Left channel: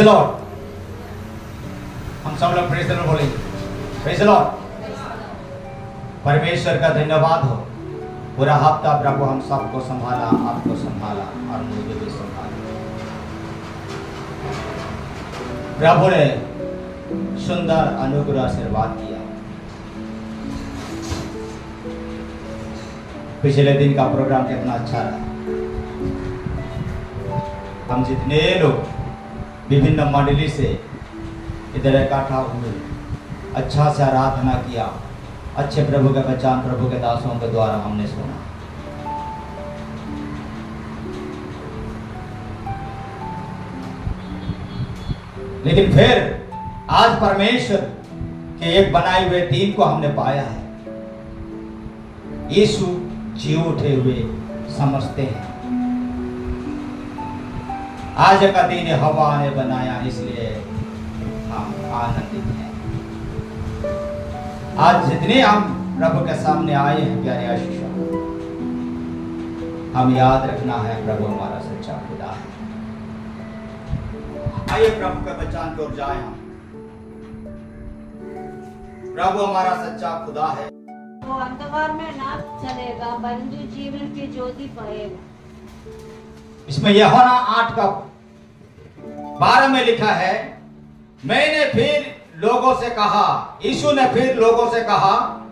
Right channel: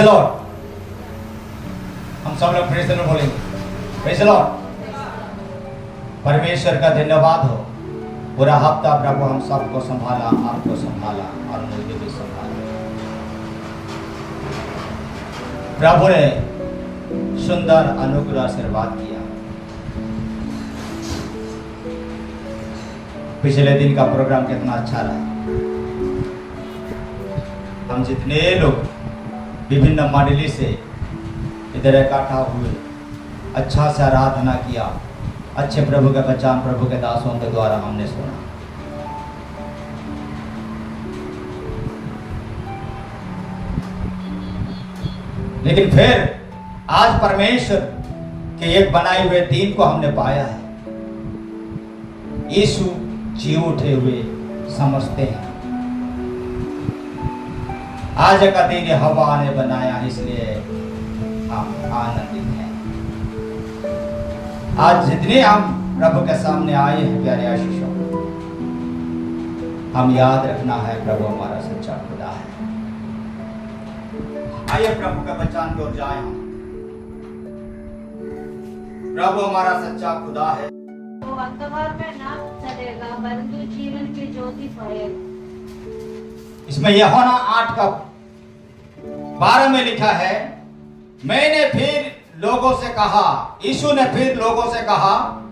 Praise the Lord. हम सब लोग प्रेज़ द लॉर्ड बोलेंगे। Praise the Lord. परमेश्वर का धन्यवाद हो। पूरा हफ्ता प्रभु हम सबको संभाला, आपको संभाला और मुझे भी संभाला। प्रभु ने सुंदर अनुग्रह आशीर्वाद किया। पिछले दिन का प्रोग्राम कितना अच्छा रहा। हम जितने लोग विभिन्न मंडली से इधर इकट्ठा हुए, अच्छा से आराधना किया, अच्छे प्रभु के वचन प्रभु के दासों के द्वारा हमने सुना। लेकिन फिर आज परमेश्वर के एक बनाए हुए दिन को हमने पाया है। यीशु जी उठे हुए समझते हैं। आज का दिन हवा ने बनाया, इसलिए हम आनंदित हैं। आज जितने हम प्रभु के सामने आए हैं प्यारे आशीषों, हम याद रखना है प्रभु हमारा सच्चा खुदा है। आइए प्रभु के वचन की ओर जाए हम। प्रभु हमारा सच्चा खुदा है। वो अंधकार में ना चलेगा, परंतु जीवन की ज्योति पाएगा। इसमें यूहन्ना 8:12 में लिखा है, मैंने फिर लोगों से कहा, यीशु ने फिर लोगों से कहा,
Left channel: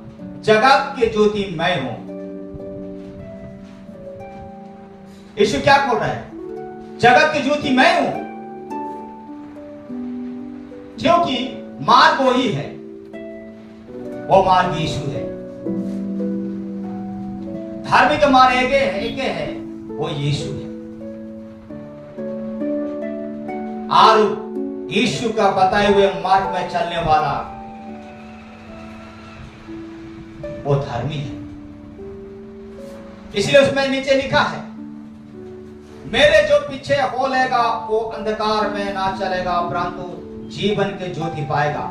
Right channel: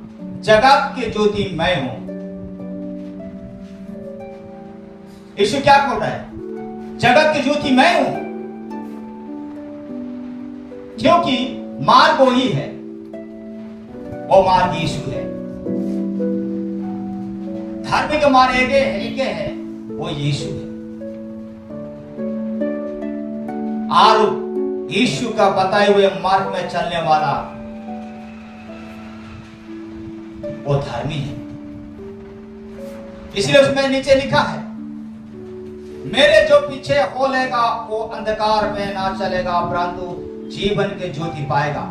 जगत की ज्योति मैं हूं। यीशु क्या बोल रहा है? जगत की ज्योति मैं हूं, क्योंकि मार्ग वही है, वो मार्ग यीशु है। धार्मिक मार्ग एक है, वो यीशु है। और यीशु का बताए हुए मार्ग में चलने वाला वो धर्मी है। इसलिए उसमें नीचे लिखा है, मेरे जो पीछे हो लेगा वो अंधकार में ना चलेगा, परंतु जीवन के ज्योति पाएगा।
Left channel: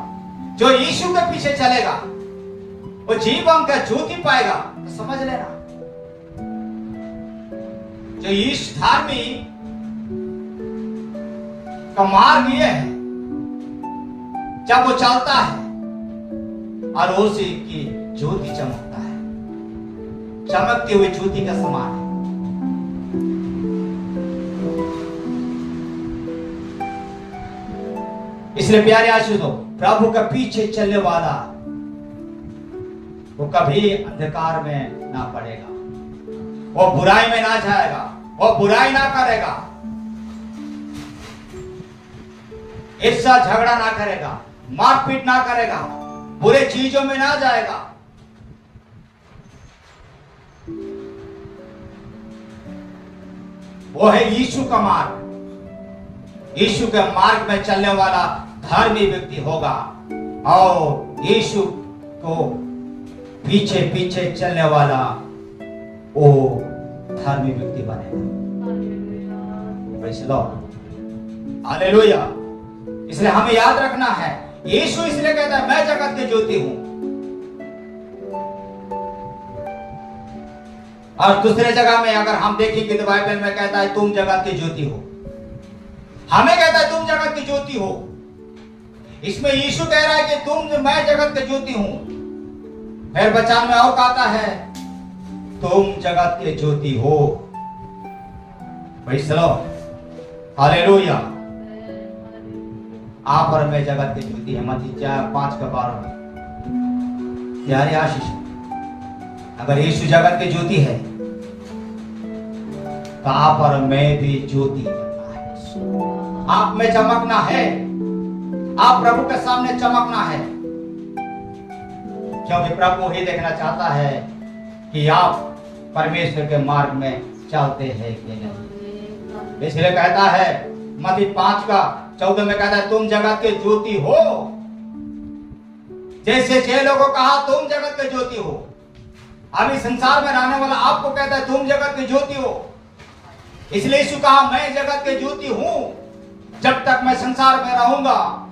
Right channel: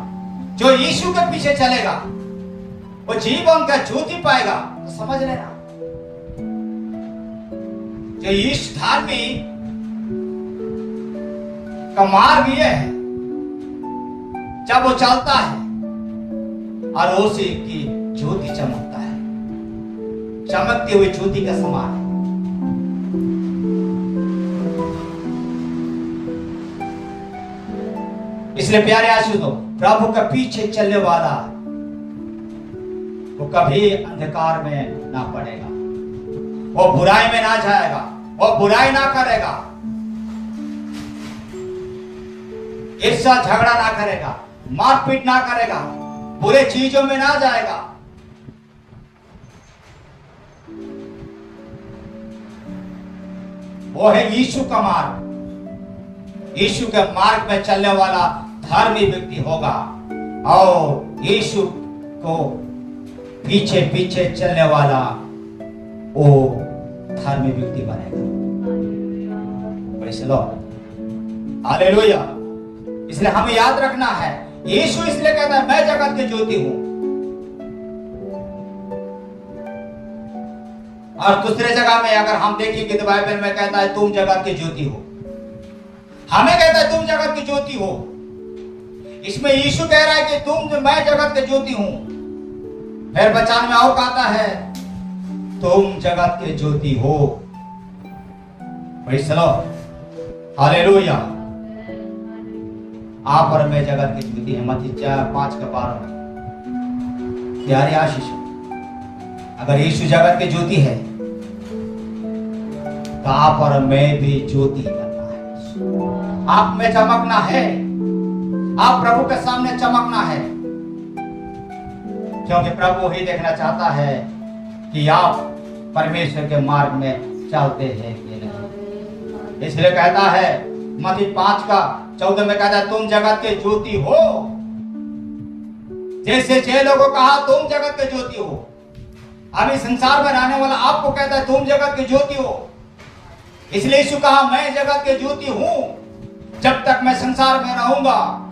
जो यीशु के पीछे चलेगा वो जीवन का ज्योति पाएगा। तो समझ लेना, जो यीशु धार्मी का मार्ग ये है, जब वो चलता है और उसी की ज्योति चमकता है, चमकती हुई ज्योति का समान है। इसलिए प्यारे आशीषों, प्रभु का पीछे चलने वाला वो कभी अंधकार में ना पड़ेगा, वो बुराई में ना जाएगा, वो बुराई ना करेगा, ईर्ष्या झगड़ा ना करेगा, मारपीट ना करेगा, बुरे चीजों में ना जाएगा। वो है यीशु का मार्ग। यीशु के मार्ग में चलने वाला धर्मी व्यक्ति होगा और यीशु को पीछे पीछे चलने वाला वो धर्मी व्यक्ति बनेगा। Praise the Lord, hallelujah. इसलिए हमें याद रखना है, यीशु इसलिए कहता है मैं जगत की ज्योति हूं। और दूसरे जगह में अगर हम देखेंगे तो बाइबल में कहता है तुम जगत की ज्योति हो। हमें कहता है तुम जगत की ज्योति हो। इसमें यीशु कह रहा है कि मैं जगत की ज्योति हूं। फिर वचन में और कहता है तुम जगत की ज्योति हो। Praise the Lord, hallelujah. आप और मैं जगत की ज्योति है। मत्ती 5:12 में। प्यारे आशीष, अगर यीशु जगत की ज्योति है तो आप और मैं भी ज्योति बनना है। आप में चमकना है, आप प्रभु के सामने चमकना है, क्योंकि प्रभु ही देखना चाहता है कि आप परमेश्वर के मार्ग में चलते हैं कि नहीं। इसलिए कहता है मत्ती 5:14 में कहता है तुम जगत के ज्योति हो। जैसे 6 लोगों को कहा तुम जगत के ज्योति हो, अभी संसार में रहने वाला आपको कहता है तुम जगत की ज्योति हो। इसलिए यीशु कहा मैं जगत की ज्योति हूं। जब तक मैं संसार में रहूंगा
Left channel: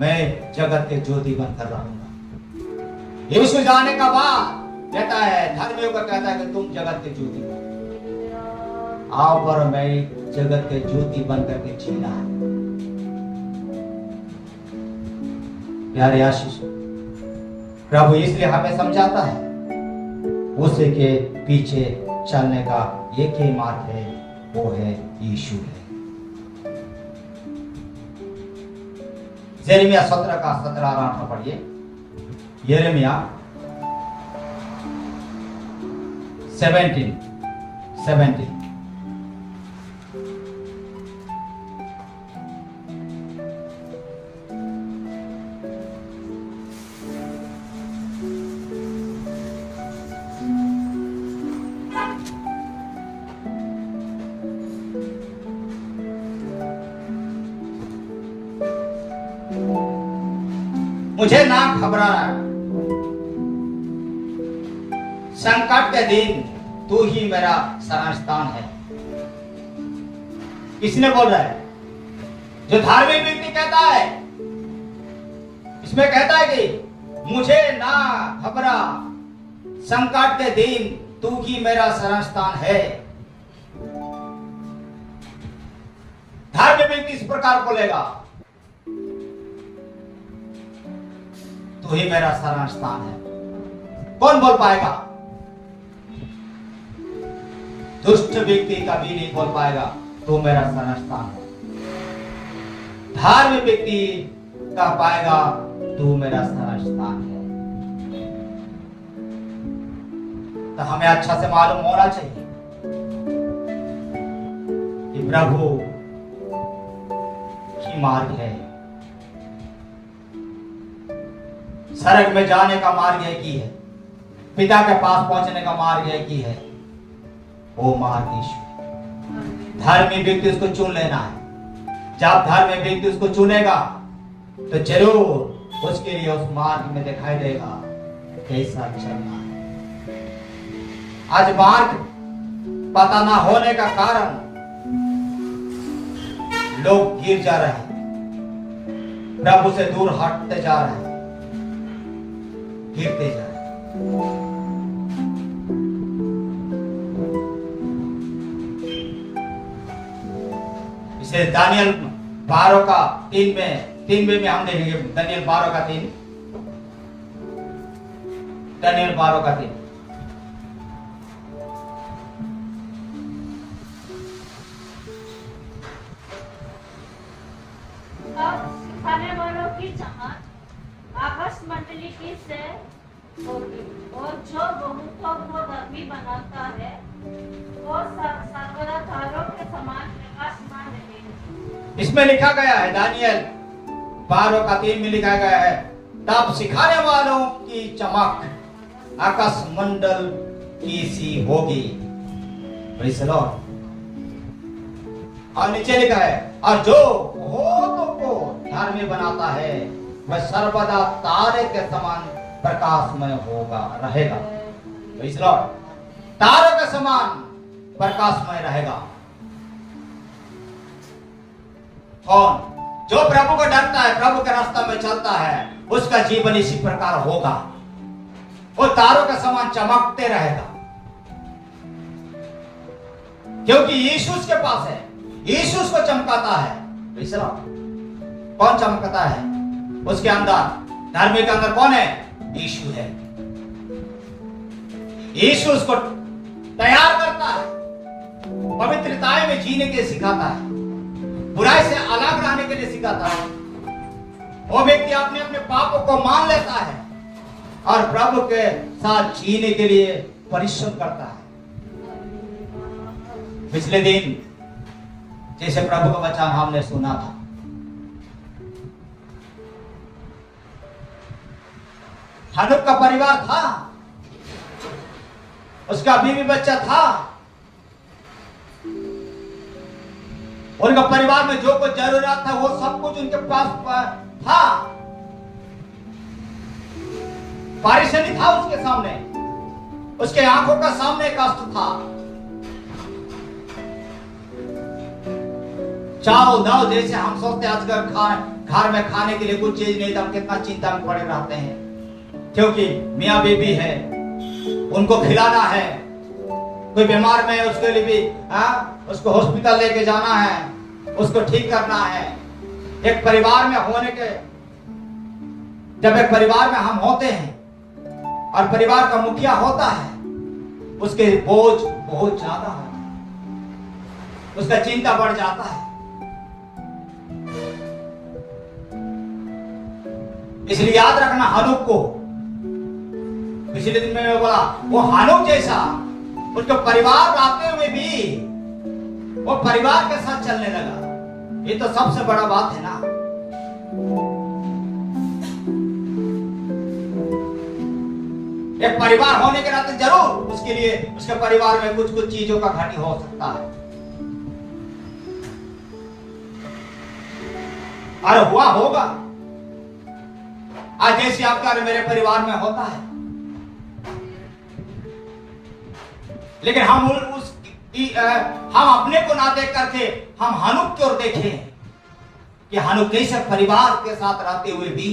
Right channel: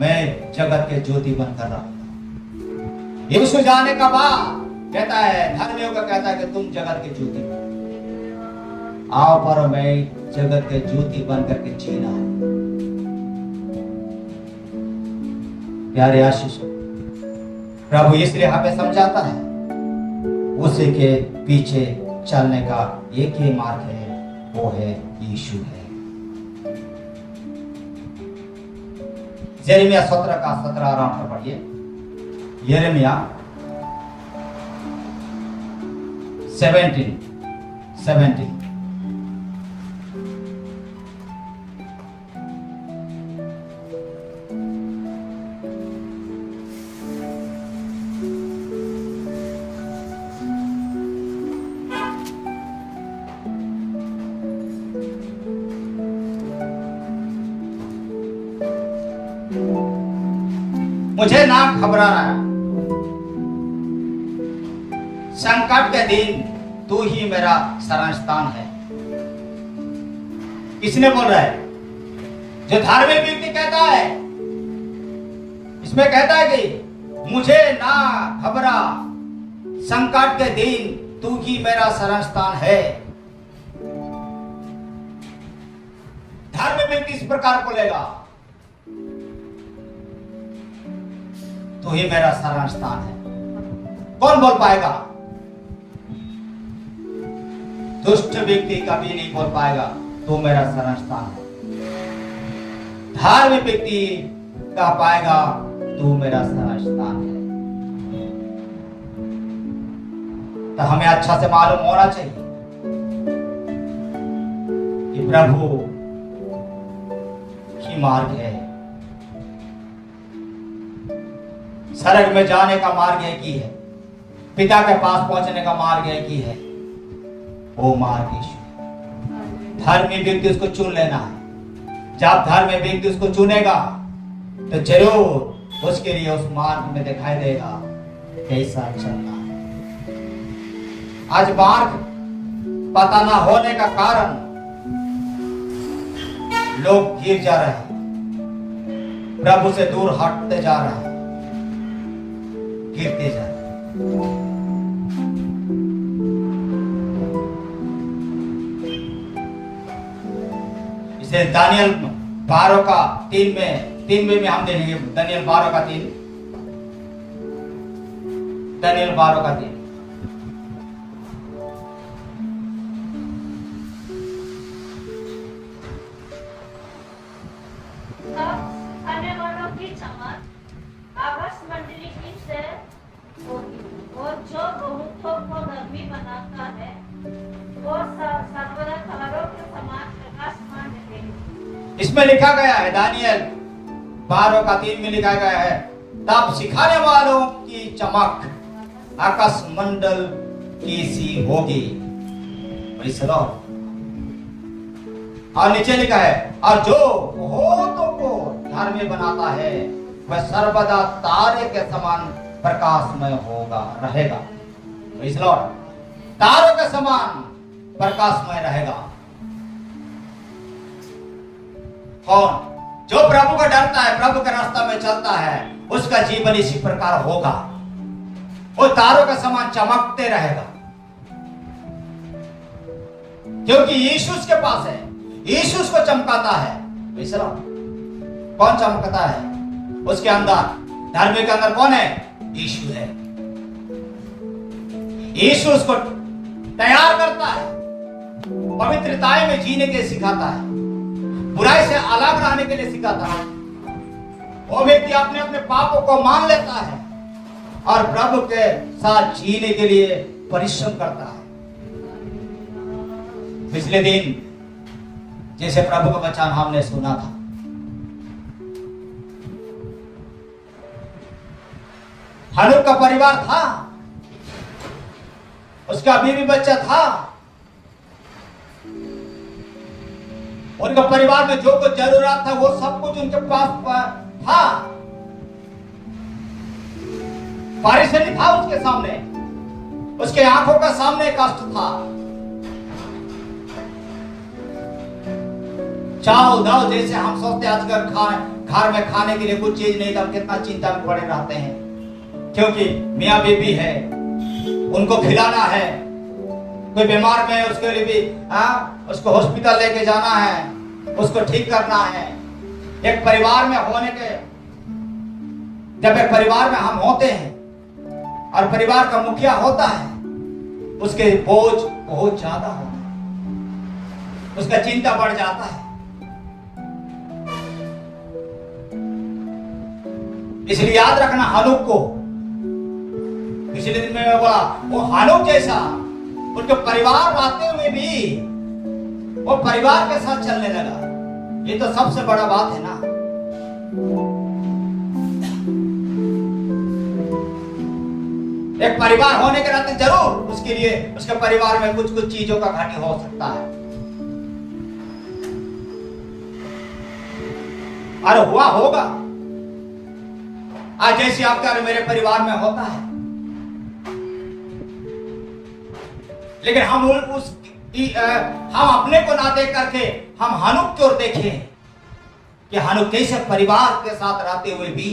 मैं जगत के ज्योति बनकर रहूंगा। यीशु जाने का बाद कहता है, धर्मियों का कहता है कि तुम जगत की ज्योति हो। आओ पर मैं जगत के ज्योति बन करके जीना है। प्यारे आशीष, प्रभु इसलिए हमें समझाता है, उसी के पीछे चलने का एक ही मार्ग है, वो है यीशु है। यिर्मयाह 17 का 17 आराम से पढ़िए। यिर्मयाह 17। मुझे ना घबराना, संकट के दिन तू ही मेरा शरण स्थान है। किसने बोल रहा है? जो धार्मिक व्यक्ति कहता है, इसमें कहता है कि मुझे ना घबरा, संकट के दिन तू ही मेरा शरण स्थान है। धार्मिक व्यक्ति इस प्रकार बोलेगा, तू ही मेरा शरण स्थान है। कौन बोल पाएगा? दुष्ट व्यक्ति कभी नहीं बोल पाएगा तू मेरा शरण स्थान है। धार्मिक व्यक्ति कह पाएगा तू मेरा शरण स्थान है। तो हमें अच्छा से मालूम होना चाहिए कि प्रभु ही मार्ग है। स्वर्ग में जाने का मार्ग एक ही है, पिता के पास पहुंचने का मार्ग एक ही है, वो मार्ग यीशु है। धर्मी व्यक्ति उसको चुन लेना है। जब धर्मी व्यक्ति उसको चुनेगा तो जरूर उसके लिए उस मार्ग में दिखाई देगा कैसा चलना है। आज मार्ग पता ना होने का कारण लोग गिर जा रहे हैं, प्रभु से दूर हटते जा रहे हैं, गिरते जा रहे हैं। इसे दानियल 12 का 3 में हम देखेंगे। दानियल 12 का 3। दानियल 12 का 3। सिखाने वालों की चमक आपस मंडली की से होगी, और जो बहुतों को धर्मी बनाता है वो सर्वदा तारों के समान प्रकाशमान रहेगा। इसमें लिखा गया है, दानियल 12 का 3 में लिखा गया है, तब सिखाने वालों की चमक आकाश मंडल की सी होगी। और नीचे लिखा है, और जो बहुतों को धर्मी बनाता है वह सर्वदा तारे के समान प्रकाशमय होगा, रहेगा। तारे के समान प्रकाशमय रहेगा। कौन? जो प्रभु का डरता है, प्रभु के रास्ता में चलता है, उसका जीवन इसी प्रकार होगा। वो तारों के समान चमकते रहेगा, क्योंकि यीशु उसके पास है। यीशु उसको चमकाता है। कौन चमकता है? उसके अंदर, धर्मी के अंदर कौन है? यीशु है। यीशु उसको तैयार करता है, पवित्रताएं में जीने के सिखाता है, बुराई से अलग रहने के लिए सिखाता है। वो व्यक्ति अपने अपने पापों को मान लेता है और प्रभु के साथ जीने के लिए परिश्रम करता है। पिछले दिन जैसे प्रभु का वचन हमने सुना था, हनोक का परिवार था, उसका बीवी बच्चा था, उनका परिवार में जो कुछ जरूरत था वो सब कुछ उनके पास था। परेशानी था उसके सामने, उसके आंखों का सामने कष्ट था। चावल दाल जैसे हम सोचते हैं, आजकल घर में खाने के लिए कुछ चीज नहीं, तब कितना चिंता में पड़े रहते हैं, क्योंकि मियाँ बीबी है, उनको खिलाना है, कोई बीमार में उसके लिए भी उसको हॉस्पिटल लेके जाना है, उसको ठीक करना है। एक परिवार में होने के, जब एक परिवार में हम होते हैं और परिवार का मुखिया होता है, उसके बोझ बहुत ज्यादा होता है, उसका चिंता बढ़ जाता है। इसलिए याद रखना हनूक को। पिछले दिन में बोला वो हनूक जैसा, उनके परिवार रहते हुए भी वो परिवार के साथ चलने लगा। ये तो सबसे बड़ा बात है ना। एक परिवार होने के नाते जरूर उसके लिए उसके परिवार में कुछ कुछ चीजों का घाटी हो सकता है, और हुआ होगा। आज जैसे आपका और मेरे परिवार में होता है, लेकिन हम हम अपने को ना देख करके हम हनूक की ओर देखें कि हनूक कैसे परिवार के साथ रहते हुए भी,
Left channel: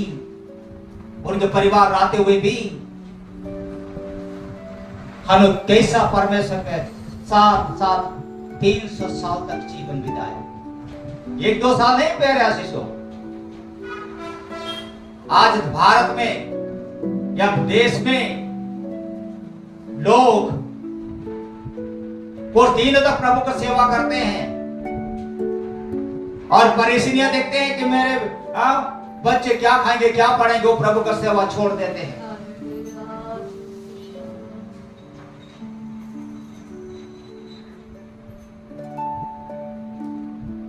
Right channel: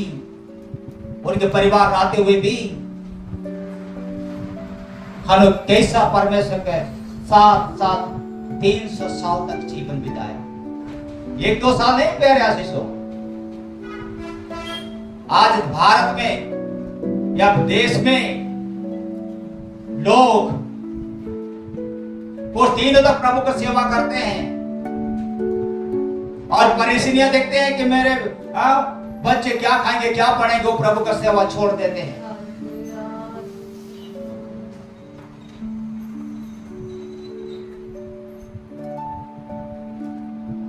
उनके परिवार रहते हुए भी हनूक कैसा परमेश्वर के साथ साथ 300 साल तक जीवन बिताया। 1-2 साल नहीं प्यारे आशीषों। आज भारत में या देश में लोग वो 3 दिनों तक प्रभु की सेवा करते हैं और परेशानियां देखते हैं कि मेरे बच्चे क्या खाएंगे, क्या पढ़ेंगे, वो प्रभु की सेवा छोड़ देते हैं।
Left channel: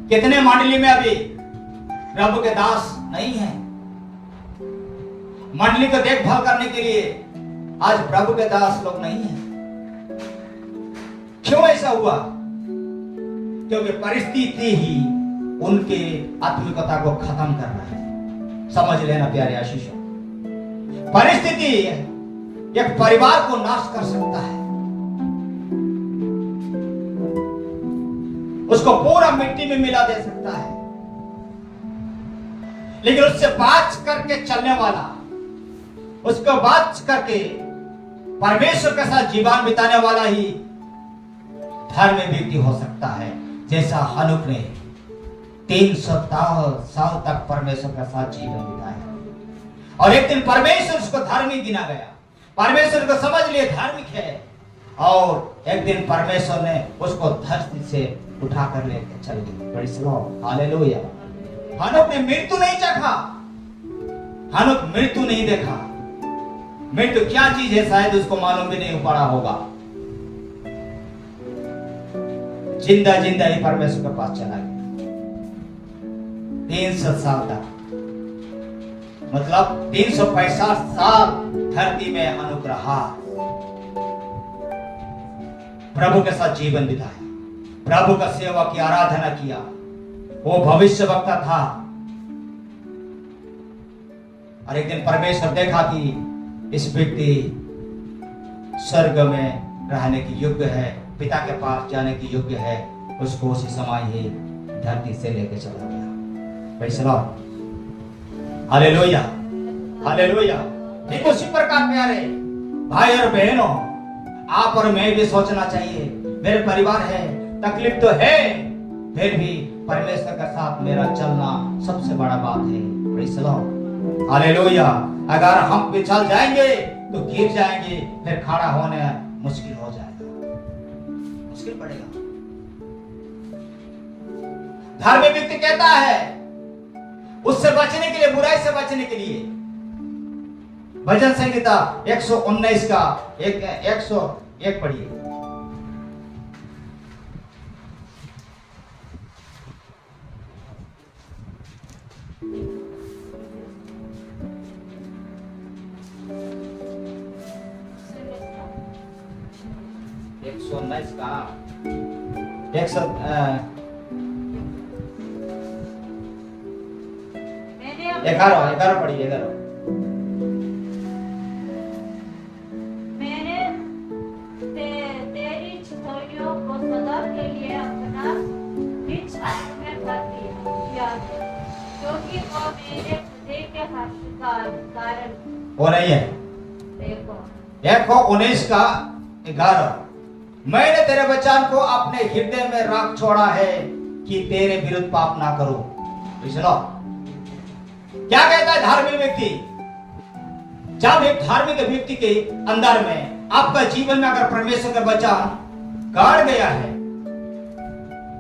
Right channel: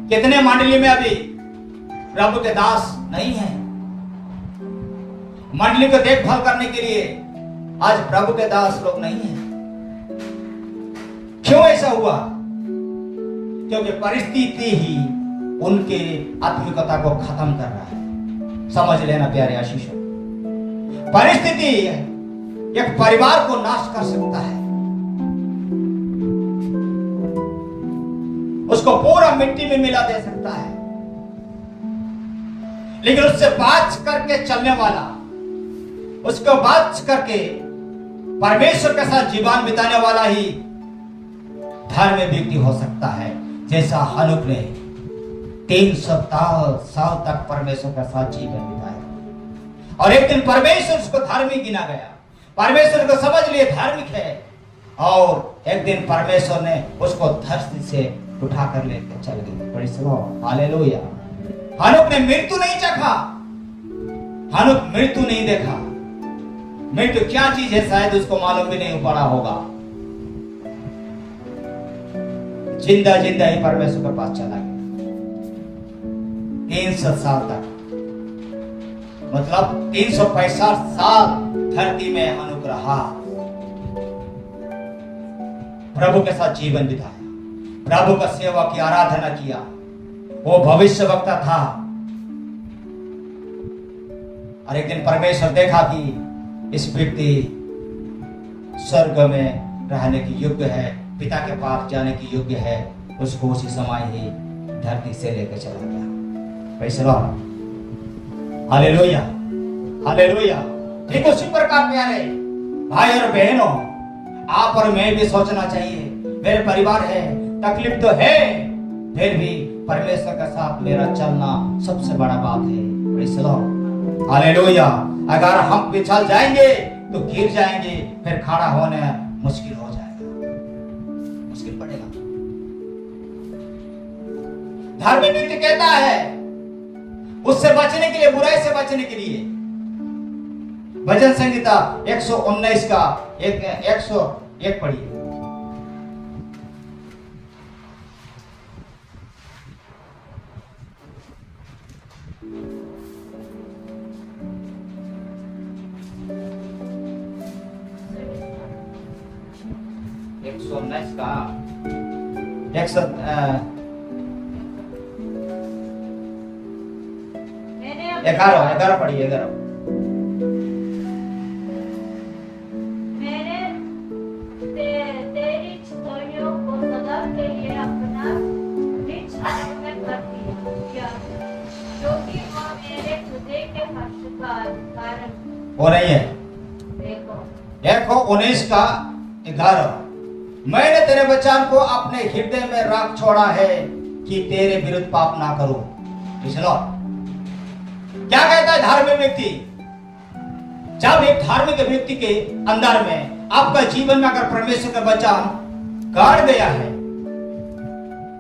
कितने मंडली में अभी प्रभु के दास नहीं है, मंडली को देखभाल करने के लिए आज प्रभु के दास लोग नहीं हैं। क्यों ऐसा हुआ? क्योंकि परिस्थिति ही उनके आत्मिकता को खत्म कर रहा है। समझ लेना प्यारे आशीषों, परिस्थिति एक परिवार को नाश कर सकता है, उसको पूरा मिट्टी में मिला दे सकता है, लेकिन उससे बाच करके चलने वाला, उसको बाच करके परमेश्वर के साथ जीवन बिताने वाला ही धर्मी व्यक्ति हो सकता है। जैसा हनूक ने 300 साल तक परमेश्वर के साथ जीवन बिताया और एक दिन परमेश्वर उसको धार्मिक गिना गया, परमेश्वर को समझ लिए धार्मिक है, और एक दिन परमेश्वर ने उसको धरती से उठा कर लेकर चल गए। Praise the Lord, hallelujah. हनूक ने मृत्यु नहीं चखा, हनूक मृत्यु नहीं देखा। मृत्यु क्या चीज है शायद उसको मालूम भी नहीं पड़ा होगा। जिंदा जिंदा ही परमेश्वर के पास चला गया 300 साल तक, मतलब 365 साल धरती में हनूक रहा, प्रभु के साथ जीवन बिताया, प्रभु का सेवा की, आराधना किया। वो भविष्य वक्ता था और एक दिन परमेश्वर देखा कि इस व्यक्ति स्वर्ग में रहने की योग्य है, पिता के पास जाने की योग्य है, उसको उसी समय ही धरती से लेकर चला गया। Praise the Lord, hallelujah, hallelujah. ठीक उसी प्रकार प्यारे भाई और बहनों, आप और मैं भी सोचना चाहिए, मेरे परिवार है, तकलीफ तो है, फिर भी परमेश्वर के साथ मेरा चलना सबसे बड़ा बात है। Praise the Lord, hallelujah. अगर हम पिछल जाएंगे तो गिर जाएंगे, फिर खड़ा होने मुश्किल हो जाएगा, मुश्किल पड़ेगा। धार्मिक व्यक्ति कहता है उससे बचने के लिए, बुराई से बचने के लिए, भजन संहिता 119 का 101 पढ़िए। ग्यारह पढ़िए। 11 तेरी छोरियों को सदा के लिए अपना निज हाथ में कर दिया, क्योंकि वो मेरे हृदय के हर्ष का कारण वो नहीं है। देखो 19 का 11, मैंने तेरे वचन को अपने हृदय में रख छोड़ा है कि तेरे विरुद्ध पाप ना करूं। सुनो क्या कहता है धार्मिक व्यक्ति। जब एक धार्मिक व्यक्ति के अंदर में आपका जीवन में अगर परमेश्वर का वचन गाड़ गया है,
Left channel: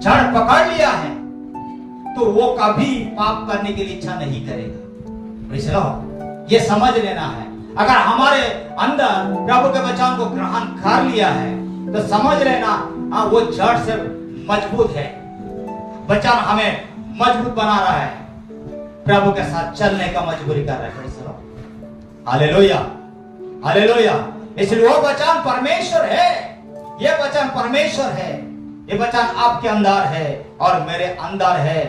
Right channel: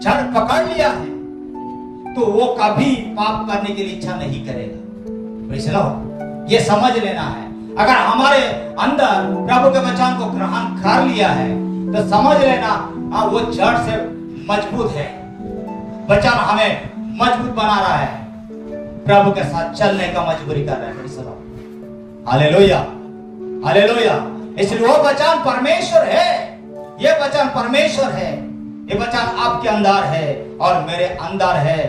जड़ पकड़ लिया है, तो वो कभी पाप करने की इच्छा नहीं करेगा। सुनो ये समझ लेना है। अगर हमारे अंदर प्रभु के वचन को ग्रहण कर लिया है तो समझ लेना वो जड़ से मजबूत है। वचन हमें मजबूत बना रहा है, प्रभु के साथ चलने का मजबूरी कर रहा है। Hallelujah hallelujah. इसलिए वो वचन परमेश्वर है, ये वचन परमेश्वर है, ये वचन आपके अंदर है और मेरे अंदर है,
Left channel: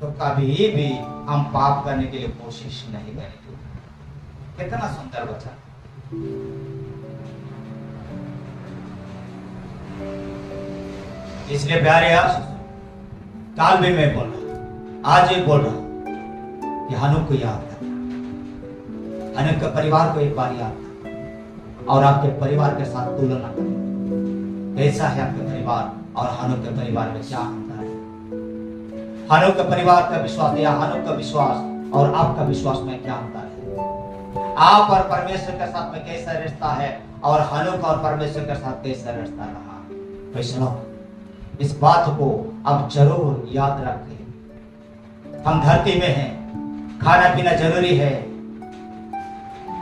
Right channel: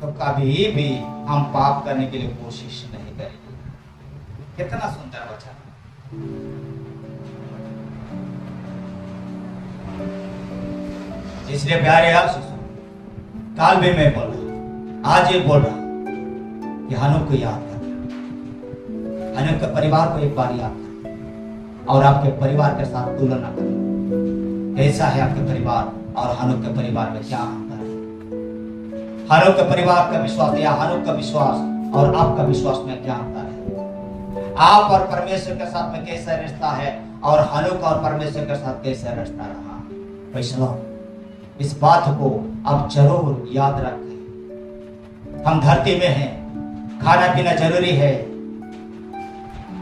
तो कभी भी हम पाप करने के लिए कोशिश नहीं करेंगे। कितना सुंदर वचन। इसलिए प्यारे यार, काल भी मैं बोल रहा, आज ये बोल रहा कि हनुक को याद कर, हनुक के परिवार को एक बार याद कर और आपके परिवार के साथ तुलना कर। कैसा है आपके परिवार और हनुक के परिवार में क्या अंतर है? हनुक के परिवार का विश्वास या हनुक का विश्वास और आपका विश्वास में क्या अंतर है? आप और परमेश्वर के साथ में कैसा रिश्ता है और हनुक और परमेश्वर के साथ कैसा रिश्ता रहा? वैष्णव, इस बात को आप जरूर याद रखें। हम धरती में हैं, खाना पीना जरूरी है,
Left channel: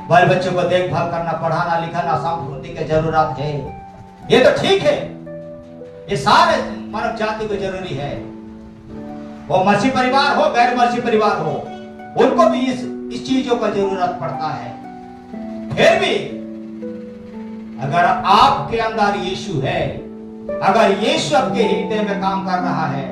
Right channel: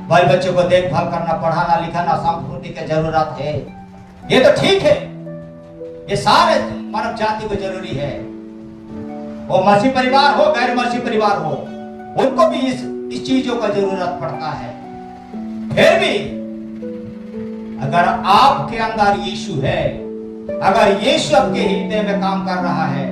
बाल बच्चों को देखभाल करना, पढ़ाना लिखाना, संस्कृति की जरूरत है, ये तो ठीक है, ये सारे मानव जाति को जरूरी है। वो मसीह परिवार हो गैर मसीह परिवार हो, उनको भी इस चीजों का जरूरत पड़ता है। फिर भी अगर आपके अंदर यीशु है, अगर यीशु आपके हृदय में काम कर रहा है,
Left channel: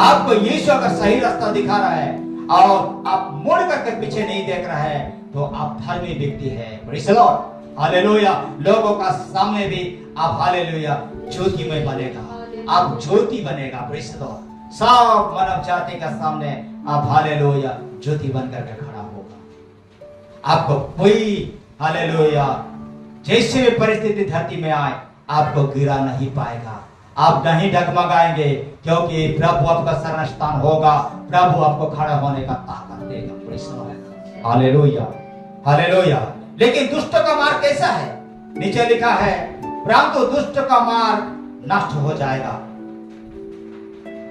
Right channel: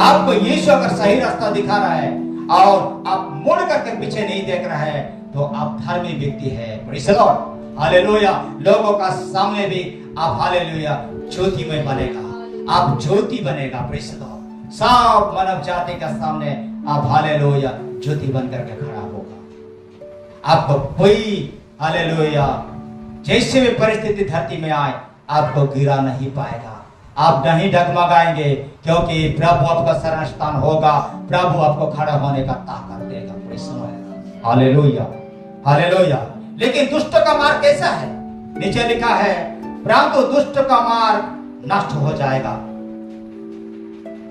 आपको यीशु अगर सही रास्ता दिखा रहा है और आप मुड़ करके पीछे नहीं देख रहा है, तो आप धर्मी व्यक्ति है। Praise the Lord, hallelujah. लोगों का सामने भी आप हालेलुया ज्योति में बनेगा, आप ज्योति बनेगा। प्रेज़ द लॉर्ड, सब मानव जाति के सामने आप हालेलुया ज्योति बन करके खड़ा होगा। आपको कोई हालेलुया जैसे भी परिस्थिति धरती में आए, आपको गिरा नहीं पाएगा, आप नहीं डगमगाएंगे, क्योंकि प्रभु आपका शरण स्थान होगा, प्रभु आपको खड़ा होने का ताकत देगा। Praise the Lord, hallelujah hallelujah. लेकिन दुष्ट का मार्ग कैसा है? नीचे लिखा है, परंतु दुष्ट का मार्ग नष्ट हो जाएगा।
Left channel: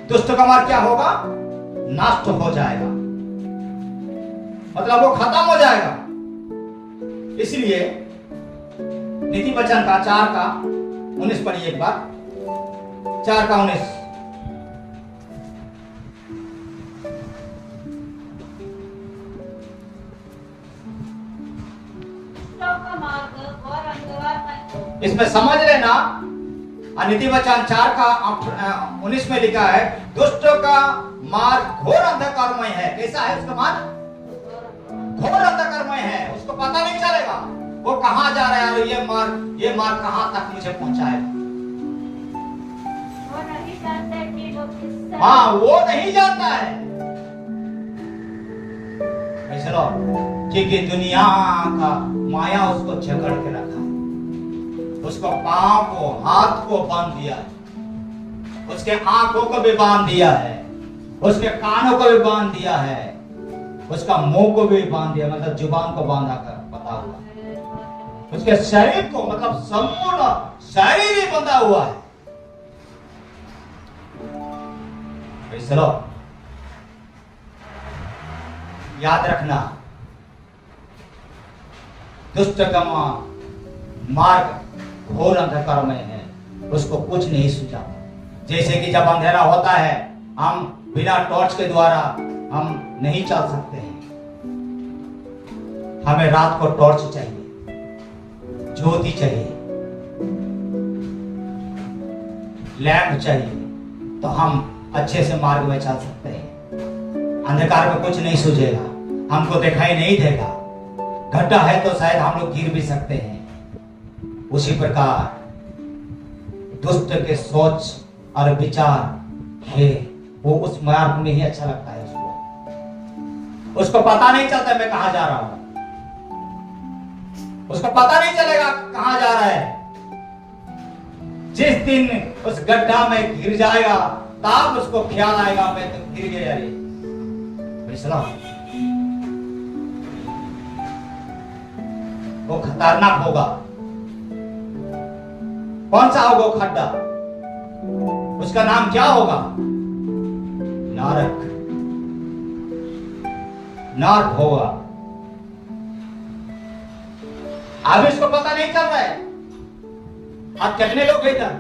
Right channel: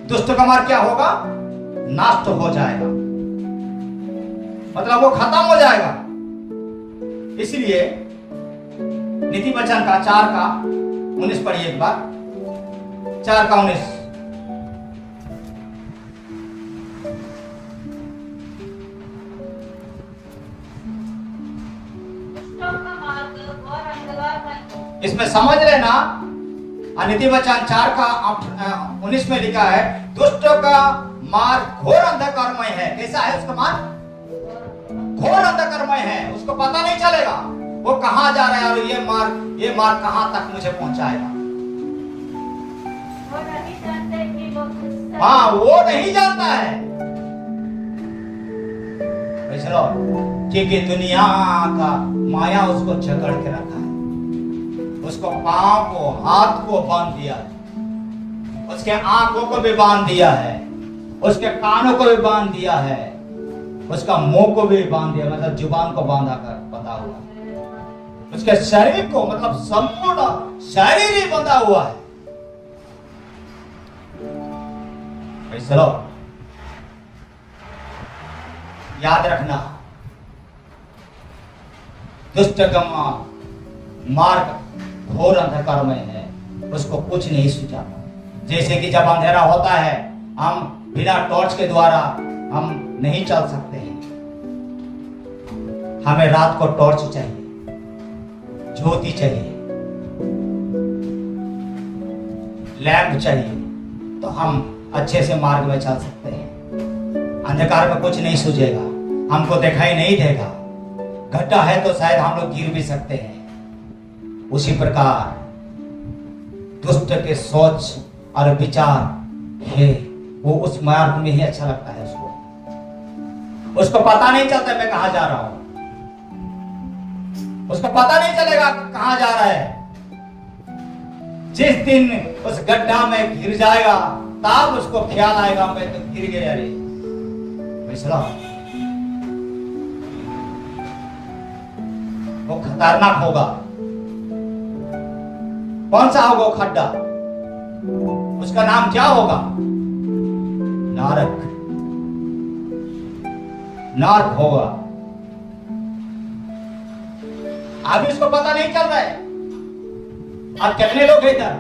दुष्ट का मार्ग क्या होगा? नष्ट हो जाएगा, मतलब वो खत्म हो जाएगा। इसलिए नीति वचन का 4:19 पढ़िए एक बार, 4:19। इसमें समझ लेना, नीति वचन 4:19 में लिखा है, दुष्टों का मार्ग घोर अंधकारमय है। कैसा है उसका मार्ग? घोर अंधकारमय है, उसको पता नहीं चलेगा वो कहां जा रहा है और ये मार्ग कहां तक मुझे पहुंचाएगा। वो नहीं जानते कि वो किससे, हाँ, वो नहीं जानता है। चलो, क्योंकि दुनिया का माया उसको जकड़ के रखा है, उसको पांव को हाथ को बांध दिया है, उसके आंखों को भी बांध दिया है, उसके कानों को भी बांध दिया है, उसका मुंह को भी बांध दिया, मतलब जुबान को बांधा कर बंधा हुआ, उसके शरीर को मतलब संपूर्ण शरीर ही बंधा हुआ है। चलो याद रखना, दुष्ट का मार्ग घोर अंधकार में है, उसको कुछ नहीं सूझाता। जैसे कि जब अंधेरा होता है, हम बिना टॉर्च के द्वारा हम नहीं चल सकते हैं, हमें रात को टॉर्च चाहिए, ज्योति चाहिए, लैंप चाहिए, तो हम अच्छे से मार्ग में चल सकते हैं। अंधकार में कुछ नहीं सूझेगा, हमको दिखाई नहीं देगा, गड्ढा है तो शायद हम लोग गिर भी सकते हैं। उसी प्रकार दुष्ट के सोच और विचार है, वो उस मार्ग में ही अच्छा लगता है उसको पता नहीं चलता मैं कहां जा रहा हूं, उसको पता नहीं चलेगा कहां जा रहा है। जिस दिन उस गड्ढा में गिर जाएगा तब उसको ख्याल आएगा मैं तो गिर गया रे। वो खतरनाक होगा। कौन सा होगा वो खड्डा? उसका नाम क्या होगा? नरक। नरक होगा। अभी उसको पता नहीं चल रहा है। अब कितने लोग इधर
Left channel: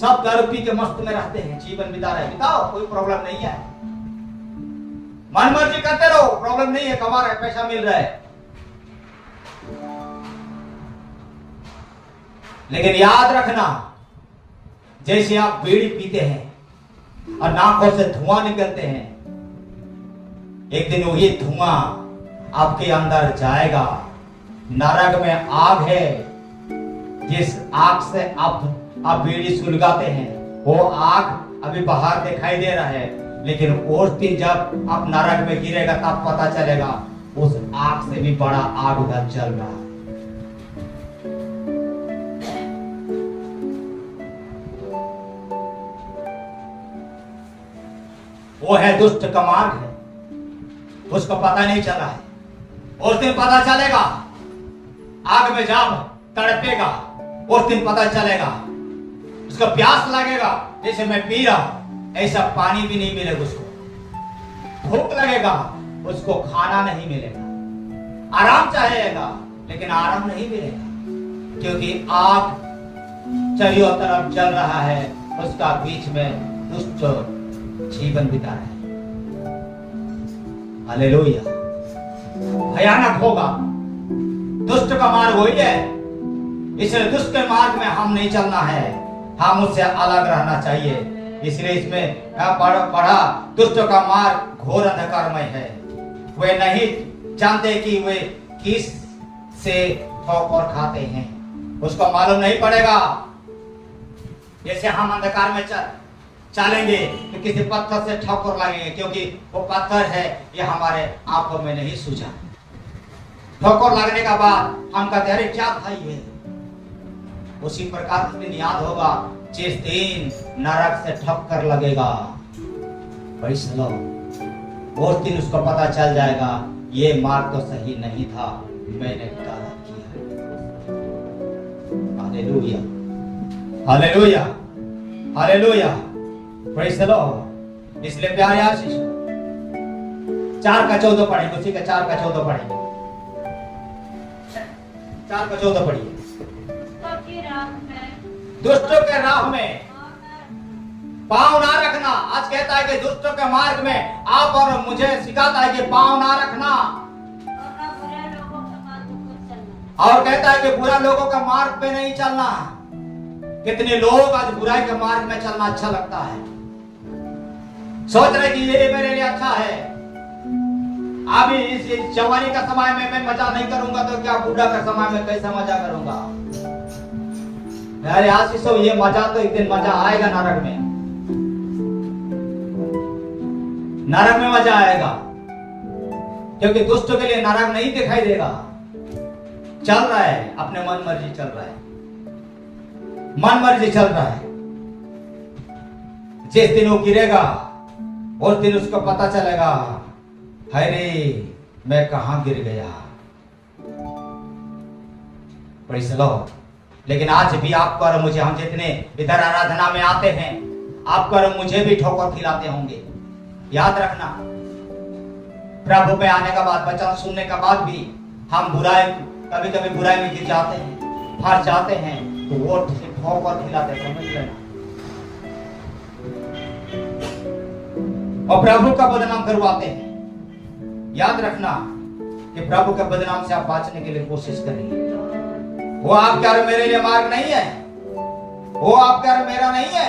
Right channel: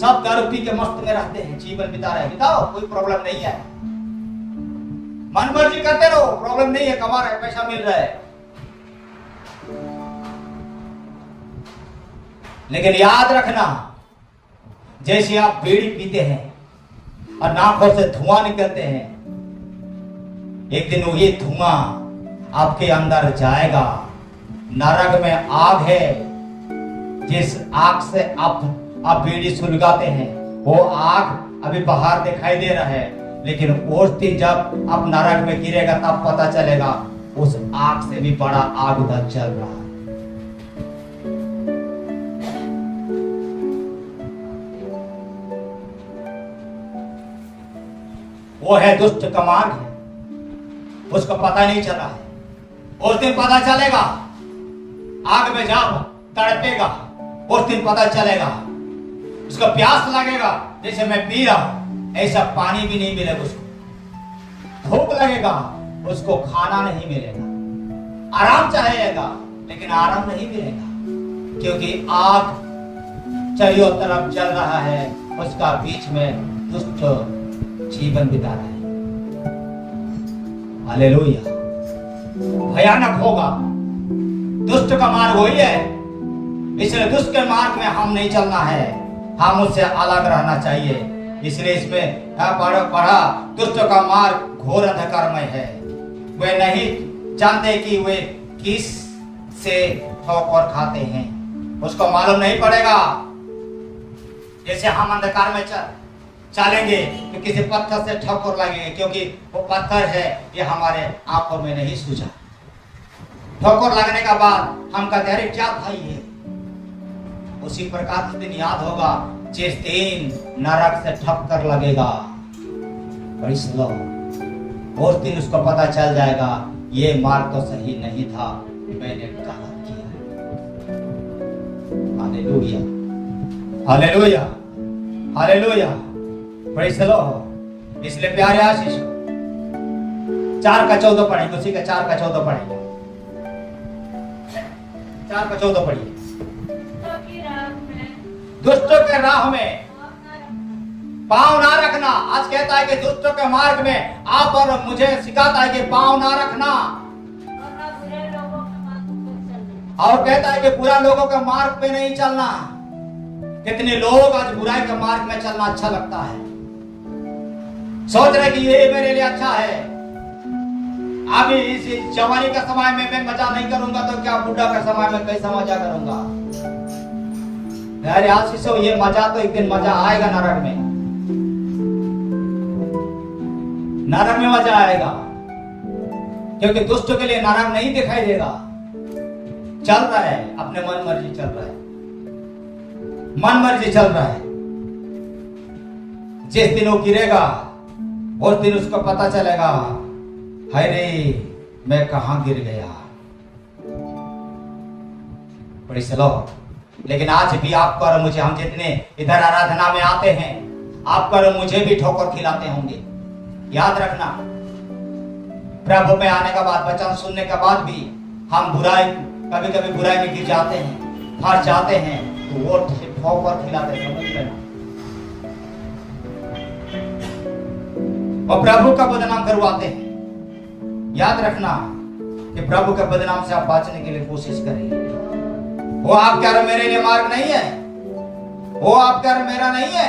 सब दारू पी के मस्त में रहते हैं, जीवन बिता रहे हैं। बिताओ, कोई प्रॉब्लम नहीं है, मन मर्जी करते रहो, प्रॉब्लम नहीं है, कमा रहे, पैसा मिल रहा है। लेकिन याद रखना, जैसे आप बीड़ी पीते हैं और नाकों से धुआं निकलते हैं, एक दिन वही धुआं आपके अंदर जाएगा। नरक में आग है, जिस आग से आप बीड़ी सुलगाते हैं, वो आग अभी बाहर दिखाई दे रहा है, लेकिन उस दिन जब आप नरक में गिरेगा तब पता चलेगा उस आग से भी बड़ा आग उधर चल रहा है। वो है दुष्ट का मार्ग है, उसको पता नहीं चला है। उस दिन पता चलेगा, आग में जाओ तड़पेगा, उस दिन पता चलेगा। उसको प्यास लगेगा, जैसे मैं पी रहा हूं ऐसा पानी भी नहीं मिलेगा उसको। भूख लगेगा, उसको खाना नहीं मिलेगा। आराम चाहेगा, लेकिन आराम नहीं मिलेगा, क्योंकि आग चारों तरफ जल रहा है, उसका बीच में दुष्ट जीवन बिता रहा है। हालेलुया। भयानक होगा। दुष्ट का मार्ग वही है, इसलिए दुष्ट के मार्ग में हम नहीं चलना है, हम उससे अलग रहना चाहिए। इसलिए इसमें पढ़ा दुष्ट का मार्ग घोर अंधकारमय है, वे नहीं जानते कि वे किस से ठोकर खाते हैं। उसको मालूम नहीं पड़ेगा। जैसे हम अंधकार में चलेंगे तो किसी पत्थर से ठोकर लगेंगे, क्योंकि वो पत्थर है, ये हमारे आंखों में नहीं सूझा। ठोकर लगने का बाद हम कहते अरे क्या भाई है। उसी प्रकार के दिन याद होगा जिस दिन नरक से ठोकर लगेगा, उस दिन उसको पता चल जाएगा ये मार्ग तो सही नहीं था, मैंने गलत किया। Hallelujah, hallelujah, hallelujah, praise the Lord. इसलिए प्यारे आशीष 4 का 14 पढ़ेंगे, उसी का 4 का 14 पढ़ेंगे। 4 का 14 पढ़िए। दुष्टों के राह में पांव ना रखना। आज कहता है कि दुष्टों के मार्ग में आप और मुझे सिखाता है कि पांव ना रखना, और कहता है कि बुरा लोगों के मार्ग पे नहीं चलना। कितने लोग आज बुराई के मार्ग में चलना अच्छा लगता है, सोच रहे कि ये मेरे लिए अच्छा है। अभी इस जवानी का समय में मैं मजा नहीं करूंगा तो क्या बूढ़ा का समय में कैसा मजा करूंगा। अरे आशीष हो, ये मजा तो एक दिन मजा आएगा नरक में। नरक में मजा आएगा, क्योंकि दुष्टों के लिए नरक नहीं दिखाई देगा। चल रहा है अपने मन मर्जी, चल रहा है, मन मर्जी चल रहा है। जिस दिन वो गिरेगा उस दिन उसको पता चलेगा, अरे मैं कहां गिर गया। Praise the Lord. लेकिन आज भी आपको और मुझे, हम जितने इधर आराधना में आते हैं, आपको और मुझे भी ठोकर खिलाते होंगे। याद रखना, प्रभु में आने के बाद, वचन सुनने के बाद भी हम बुराई, कभी कभी बुराई में गिर जाते हैं, फंस जाते हैं, तो वो ठोकर खिलाते, समझ लेना। और प्रभु का बदनाम करवाते हैं। याद रखना कि प्रभु के बदनाम से आप बचने के लिए कोशिश करें। वो आपके और मेरे लिए मार्ग नहीं है, वो आपका और मेरा नहीं है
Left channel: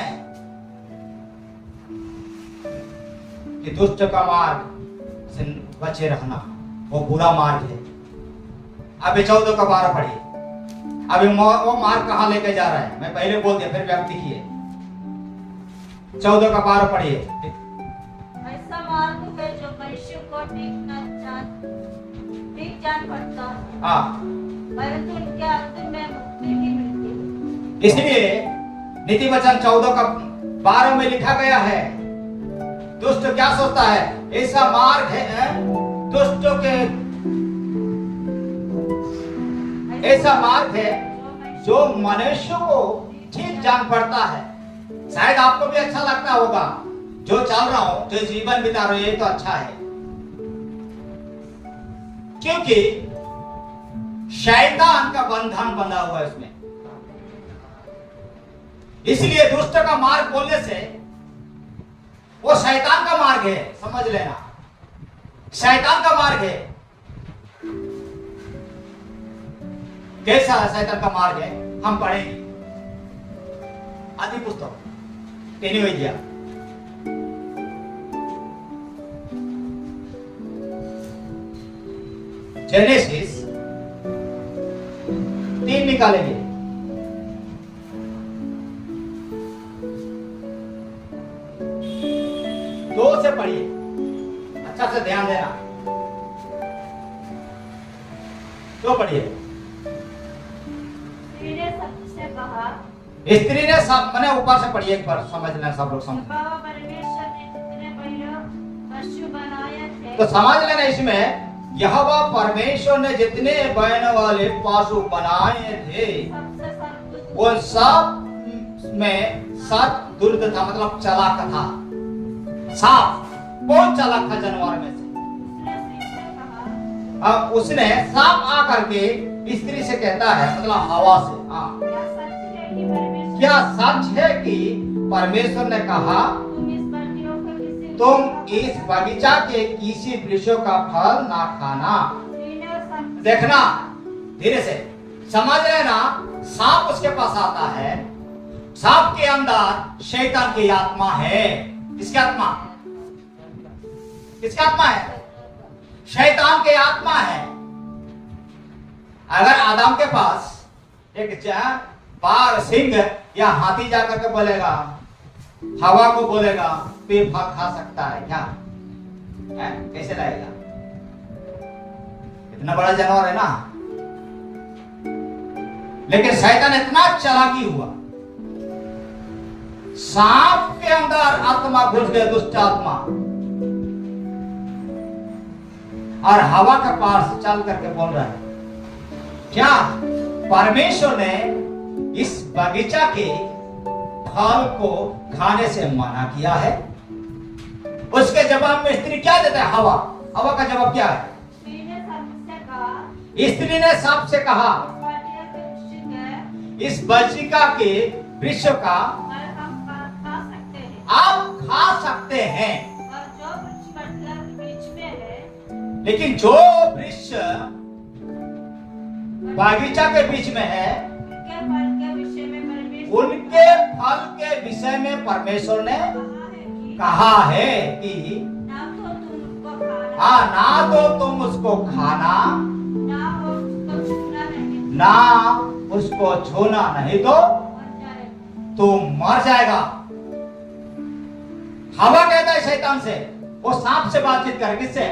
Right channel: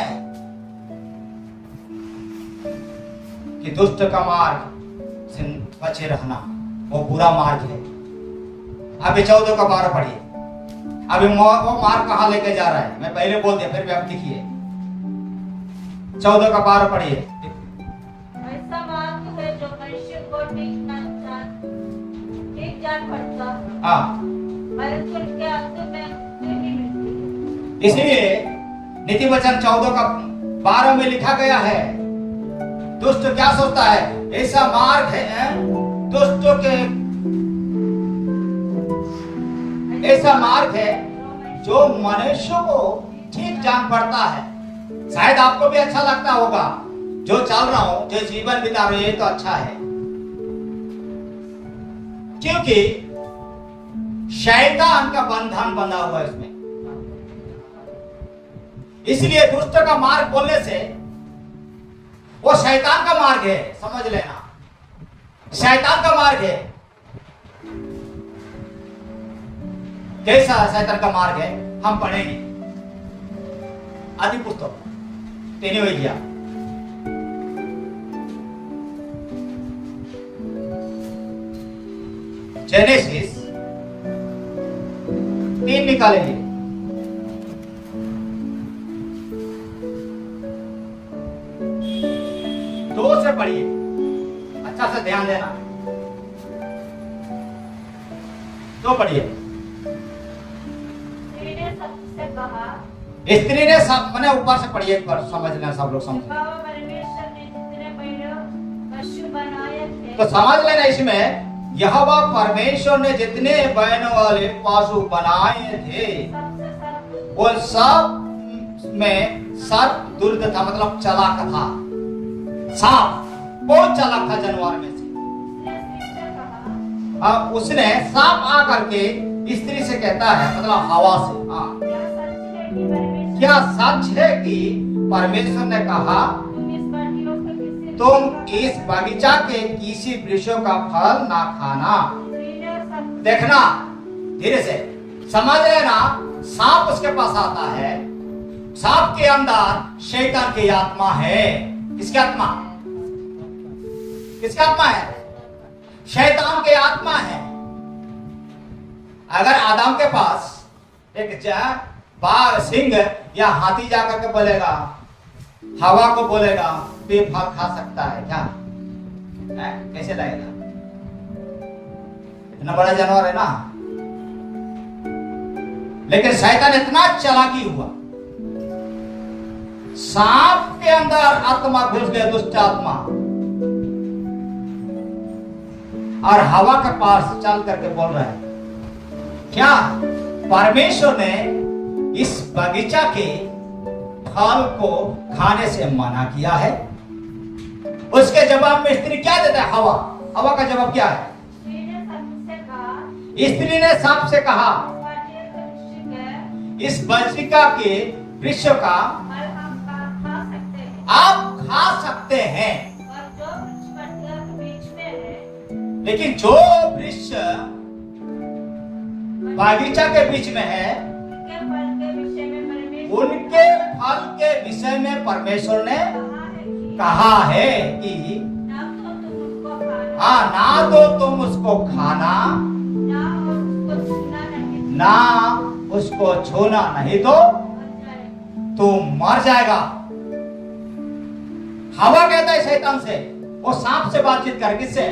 कि दुष्ट का मार्ग से बचे रहना, वो बुरा मार्ग है। अभी 14 का 12 पढ़िए। अभी वो मार्ग कहां लेके जा रहा है, मैं पहले बोल दिया, फिर भी आप लिखिए। 14 का 12 पढ़िए। ऐसा मार्ग है जो मनुष्य को ठीक जान पड़ता है। हाँ, परंतु उनके अंत में मुक्ति नहीं मिलती। इसलिए नीति वचन 14:12 में लिखा गया है, दुष्ट क्या सोचता है? ऐसा मार्ग है दुष्टों के, ऐसा मार्ग है जो मनुष्य को ठीक जान पड़ता है। शायद आपको भी अच्छा लगता होगा, जो चल रहा हूं, जो जीवन बिता रहा हूं, ये तो अच्छा है, क्योंकि शैतान का बंधन बंधा हुआ है इसमें। इसलिए दुष्ट का मार्ग बोलने से वो शैतान का मार्ग है, समझ लेना, शैतान का मार्ग है। कैसा शैतान का मार्ग है हम पढ़ेंगे आदि पुस्तक 3 अध्याय। जेनेसिस 3 निकालेंगे। दो से पढ़िए, अच्छा से ध्यान देना, तो पढ़िए। स्त्री ने सब, मैंने ऊपर से पढ़िए एक बार, समझ लेना, सब लोग समझ। तो समझ लेना, इसमें यहोवा परमेश्वर ने जितने बहनों वाले पशु बनाए थे वो सब में सब दुर्द था, मतलब चालाक था। सांप बहुत चालाक था जानवर में से। अब उसने सांप आकर के स्त्री से कहता है, मतलब हवा से, हाँ, क्या सच है कि परमेश्वर ने कहा तुम इस बगीचा के किसी वृक्षों का फल ना खाना? देखना, धीरे से समझ लेना, सांप उसके पास आता है, सांप के अंदर शैतान की आत्मा है। किसकी आत्मा? किसकी आत्मा है? शैतान की आत्मा है। अगर आदम के पास एक बाघ, सिंह या हाथी जाकर के बोलेगा, हवा को बोलेगा तो ये फल खा सकता है क्या? कैसे लाएगा? इतना बड़ा जानवर है ना। लेकिन शैतान इतना चालाकी हुआ, सांप के अंदर आत्मा घुस गया, दुष्ट आत्मा, और हवा के पास चल करके बोल रहा है, क्या परमेश्वर ने इस बगीचा के फल को खाने से मना किया है? उसके जवाब में स्त्री क्या देता है? हवा। हवा का जवाब क्या है? स्त्री ने सांप से कहा, इस बगीचा के वृक्ष का आप खा सकते हैं, लेकिन जो वृक्ष बगीचा के बीच में है उनके फल के विषय में परमेश्वर ने कहा है कि हाँ, ना तो तुम उसको खाना, ना उसको छूना, नहीं तो तुम मर जाएगा। हवा कहता है शैतान से, वो सांप से बातचीत कर, किससे?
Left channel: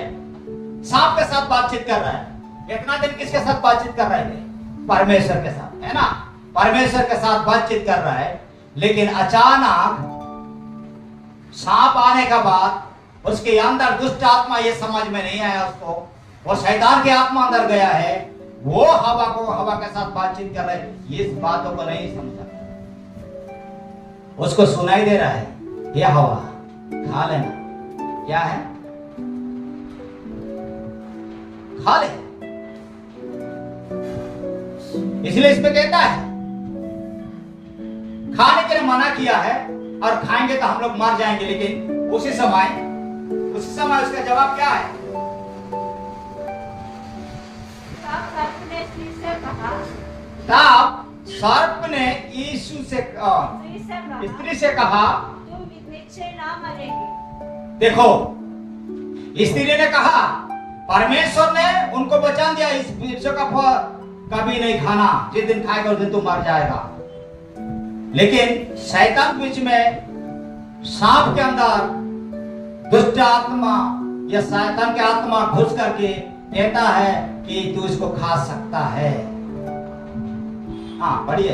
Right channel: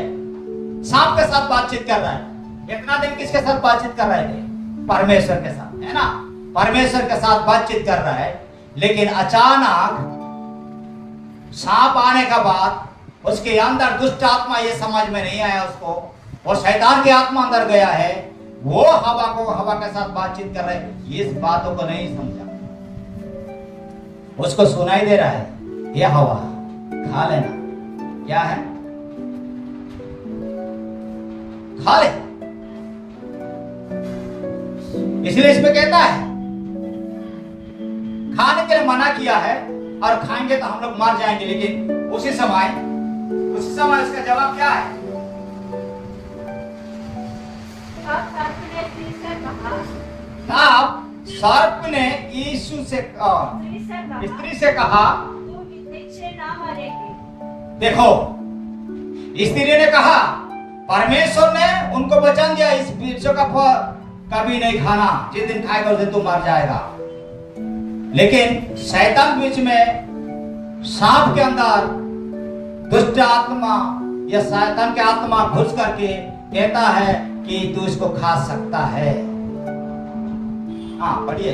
सांप के साथ बातचीत कर रहा है। इतना दिन किसके साथ बातचीत कर रहे थे? परमेश्वर के साथ, है ना। परमेश्वर के साथ बातचीत कर रहा है, लेकिन अचानक सांप आने का बाद उसके अंदर दुष्ट आत्मा, ये समझ में नहीं आया उसको, वो शैतान की आत्मा अंदर गया है, वो हवा के साथ बातचीत कर रहे हैं, इस बातों को नहीं समझा। उसको सुनाई दे रहा है, ये हवा खा लेना, क्या है? खा ले। इसलिए इसमें कहता है खाने के लिए मना किया है, और खाएंगे तो हम लोग मर जाएंगे। लेकिन उसी समय उसका जवाब क्या है? तब सर्प ने यीशु से, स्त्री से कहा, देखो, स्त्री ने कहा परमेश्वर ने उनको वचन दिया, इस वृक्ष का फल कभी नहीं खाना, जिस दिन खाएगा उस दिन तू मर जाएगा। लेकिन शैतान बीच में, सांप के अंदर दुष्ट आत्मा या शैतान की आत्मा घुस करके कहता है कि तू इसको खा सकता है। हाँ, पढ़िए।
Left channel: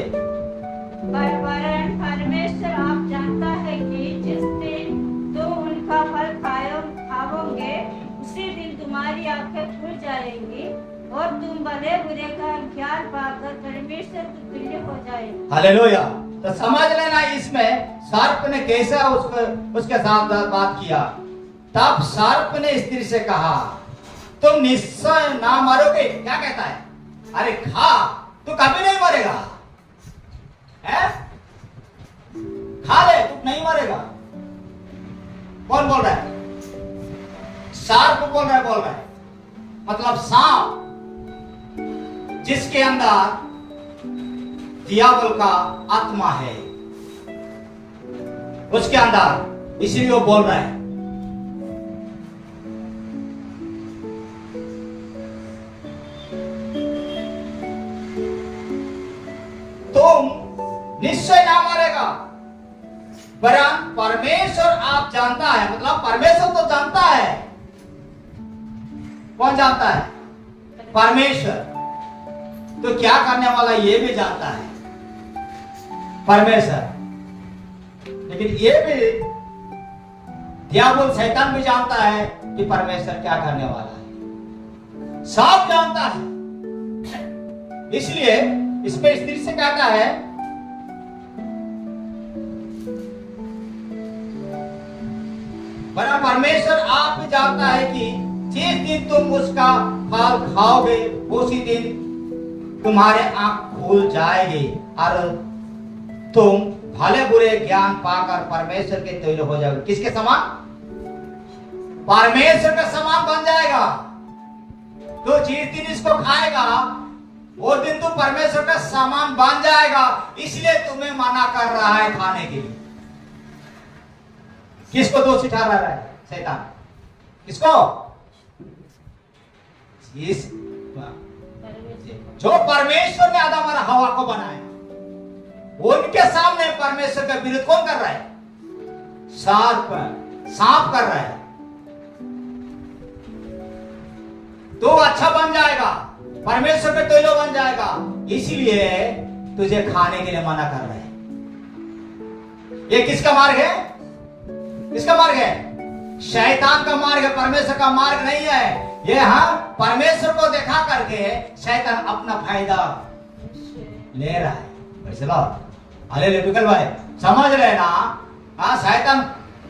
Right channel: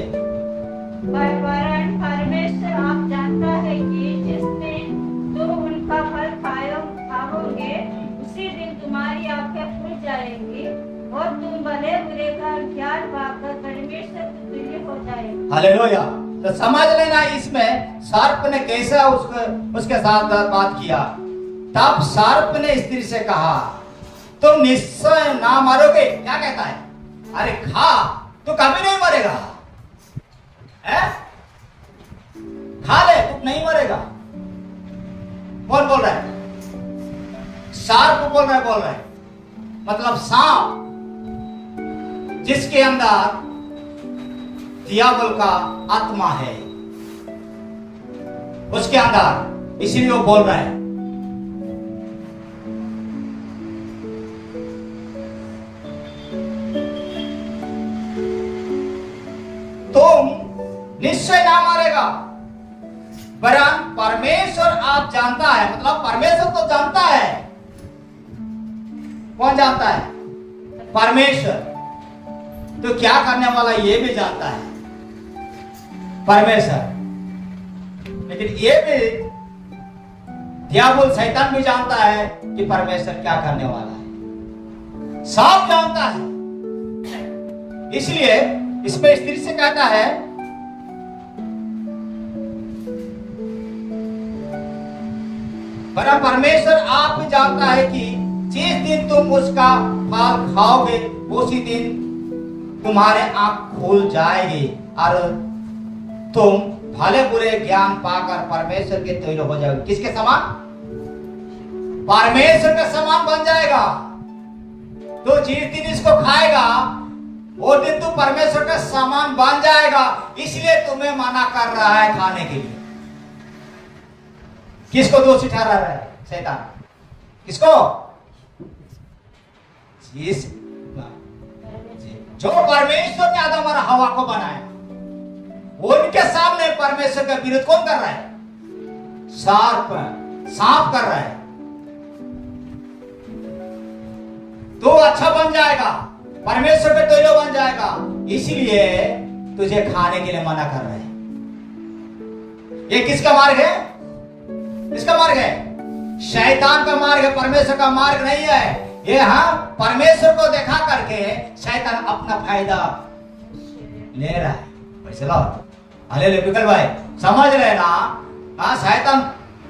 तुम्हारी आंखें खुल जाएंगी और तुम भले बुरे का ज्ञान पाकर परमेश्वर के तुल्य हो जाएंगे। हालेलुया। तो समझ लेना इसमें सर्प ने कैसा उसके साथ बात किया। तब सर्प ने स्त्री से कहा तुम निश्चय ना मरोगे। क्या कहता है? अरे खा, तू कभी नहीं मरेगा, है? खा ले, तू नहीं मरेगा। कौन बोल रहा है? सर्प बोल रहा है। मतलब सांप, जिसके अंदर दियावल का आत्मा है उसके अंदर, इसीलिए वो बोल रहा है। तुम निश्चय ना मरेगा, वरन परमेश्वर आप जानता है। मतलब परमेश्वर तो जानता है। कौन जानता है? परमेश्वर। तो क्या करने वाला ये भी जानता है, परमेश्वर। लेकिन ये भी दियावल शैतान भी जानता है कि परमेश्वर क्या करने वाला है। सब जानता है। इसलिए इसमें स्त्री से कहता है वरन परमेश्वर आप भी जानता है कि जिस दिन तुम उसका फल खाओगे उसी दिन तुम्हारे आंख खुल जाएगी और तुम भले बुरे ज्ञान पाकर परमेश्वर के तुल्य हो जाओगे। किसके समान? परमेश्वर के समान बन जाएगा। तो जिस दिन इसको खाएगा वो दिन तू परमेश्वर का समान बन जाएगा। इसलिए तुम्हें मना कर रहा है खाने के लिए। किसको दोषी ठहरा रहा है? शैतान। किसको? जो परमेश्वर ने आदम और हवा को बनाया, उनके सामने परमेश्वर का विरोध कौन कर रहा है? सांप कर रहा है। तो अच्छा बन जाएगा, परमेश्वर पे तुल्य बन जाएगा। इसलिए तुझे खाने के लिए मना कर रहा है। ये किसका मार्ग है? किसका मार्ग है? शैतान का मार्ग है, परमेश्वर का मार्ग नहीं है। ये परमेश्वर को देखा करके शैतान अपना फायदा ले रहा है। चलो हालेलुया बिकल भाई, समझ लेना। शैतान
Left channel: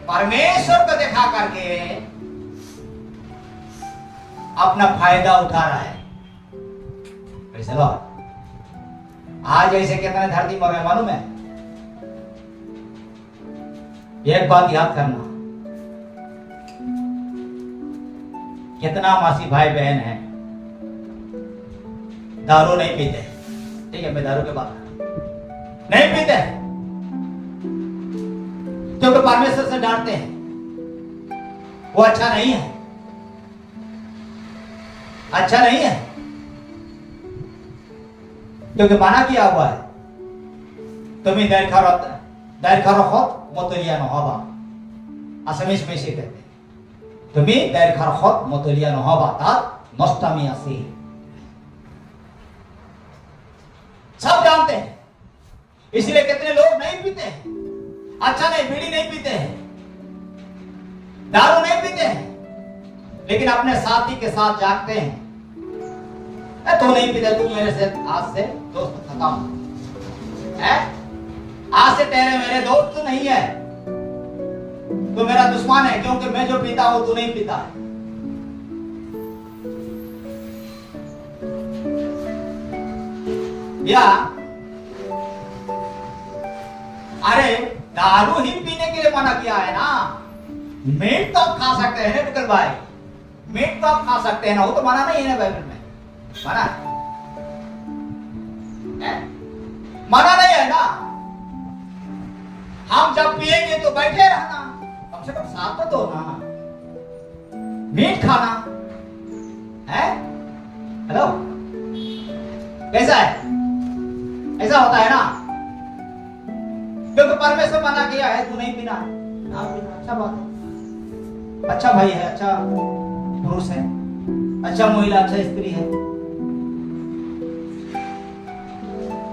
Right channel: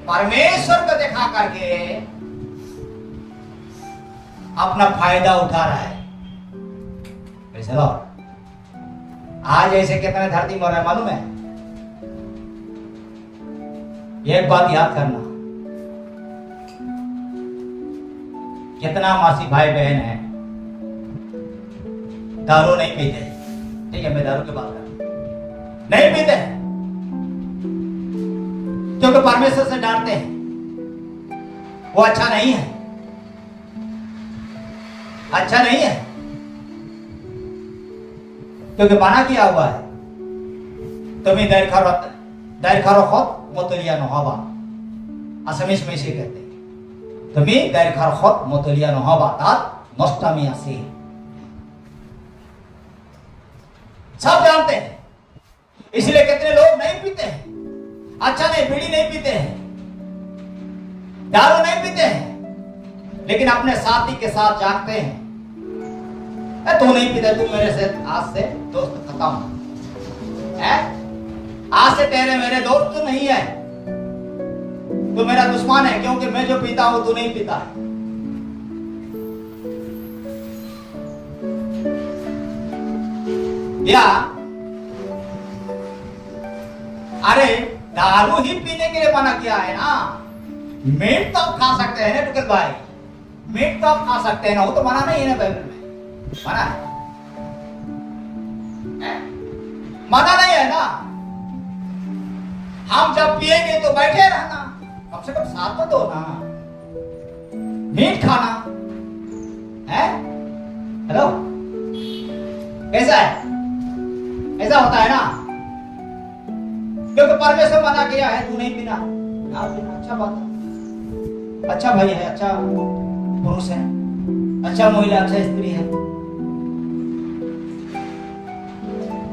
परमेश्वर को देखा करके अपना फायदा उठा रहा है। चलो आज ऐसे कितने धरती मर रहे मालूम है? एक बात याद करना, कितना मासी भाई बहन है दारू नहीं पीते। ठीक है, मैं दारू के बात नहीं पीते क्योंकि परमेश्वर से डांटते हैं, वो अच्छा नहीं है, अच्छा नहीं है, क्योंकि मना किया हुआ है तुम्हें दरखारखत मोतलिया নহবা। আসামিস में इसे कहते हैं, तुम्हें दरखारखत मोतलिया নহবা, तार नष्टामी आसे। सब जानते हैं, इसलिए कितने लोग नहीं पीते हैं। अच्छा नहीं, बीड़ी नहीं पीते हैं, दारू नहीं पीते हैं, लेकिन अपने साथी के साथ जागते हैं। तू नहीं पीता, तू मेरे से आज से दोस्त खत्म है, आज से तेरे मेरे दोस्त नहीं है, तू मेरा दुश्मन है, क्योंकि मैं जो पीता हूं तू नहीं पीता। या अरे दारू ही पीने के लिए मना किया है ना, मीट तो आप खा सकते हैं ना बिकल भाई, मीट तो आप खा सकते हैं ना, वो तो मना नहीं है ना बाइबल में, मना है? मना नहीं है ना। हम जब पिएंगे तो बैठे रहना, कम से कम साथ तो दो ना, मीट खाना है। हेलो, कैसा है? ऐसा होता है ना, क्योंकि परमेश्वर मना किया है, तू नहीं पीना ना पीना। अच्छा बात है, अच्छा भाई है, अच्छा पुरुष है, अच्छा महिला, अच्छा स्त्री है।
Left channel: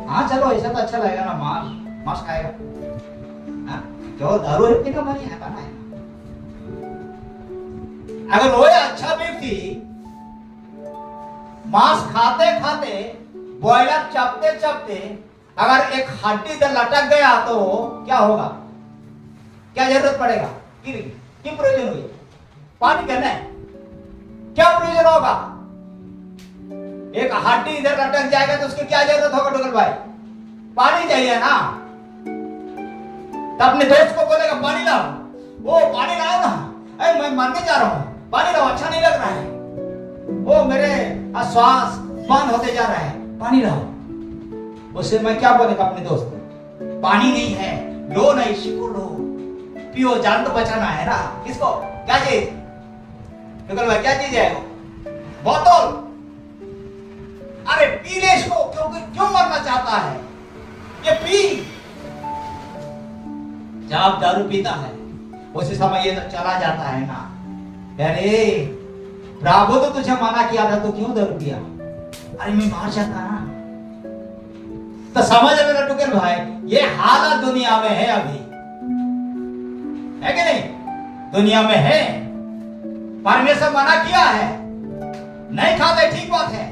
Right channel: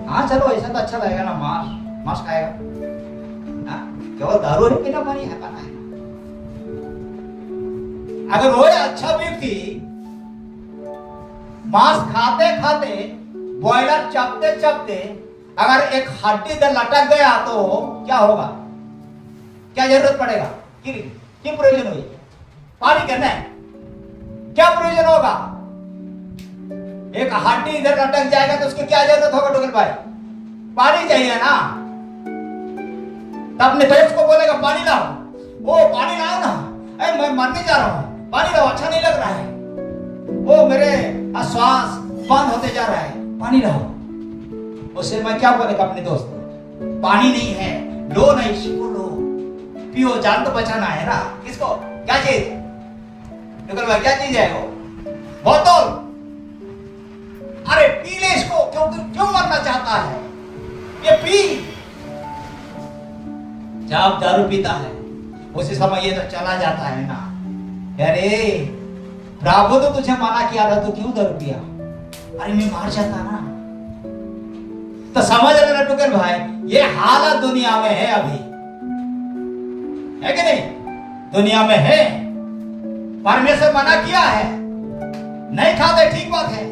हाँ चलो, ऐसा तो अच्छा लगेगा ना, मांस खाएगा। केवल दारू ही पीना नहीं है, करना है। अगर वो अच्छा व्यक्ति मांस खाते खाते, बॉयलर चपते चपते अगर एक हड्डी इधर लटक गया तो क्या होगा? क्या जरूरत पड़ेगा? क्यों प्रयोजन हुई? पानी करना है, क्या प्रयोजन होगा? एक हड्डी इधर लटक जाएगा तो उसकी क्या जरूरत होगा डोगल भाई? पानी चाहिए ना। तो अपने दोस्त को बोलेगा पानी लाओ, वो पानी लाओ ना, अरे मैं मरने जा रहा हूं, पानी लाओ, अच्छा नहीं लग रहा है, वो मेरे श्वास बंद होते जा रहा है, पानी लाओ। उससे मैं क्या बोलेगा अपने दोस्त को? पानी नहीं है, लो ना, इसको लो, पियो, जान तो बचाना है ना। किसको? क्या चीज? डोगल भाई क्या चीज है वो? बोतल। अरे पी ले इसको, क्यों मरना चाहता है? ये पी। जब दारू पीता है उसी समय ये तो चला जाता है ना। अरे प्रभु तो तुझे मना किया था, तो क्यों दारू पिया? अरे मैं मार जाता ना। तो समझ लेना टुकल भाई, ये हालत दुनिया में है अभी, है कि नहीं? दुनिया में है। परमेश्वर मना किया है, नहीं खाते, ठीक बात है,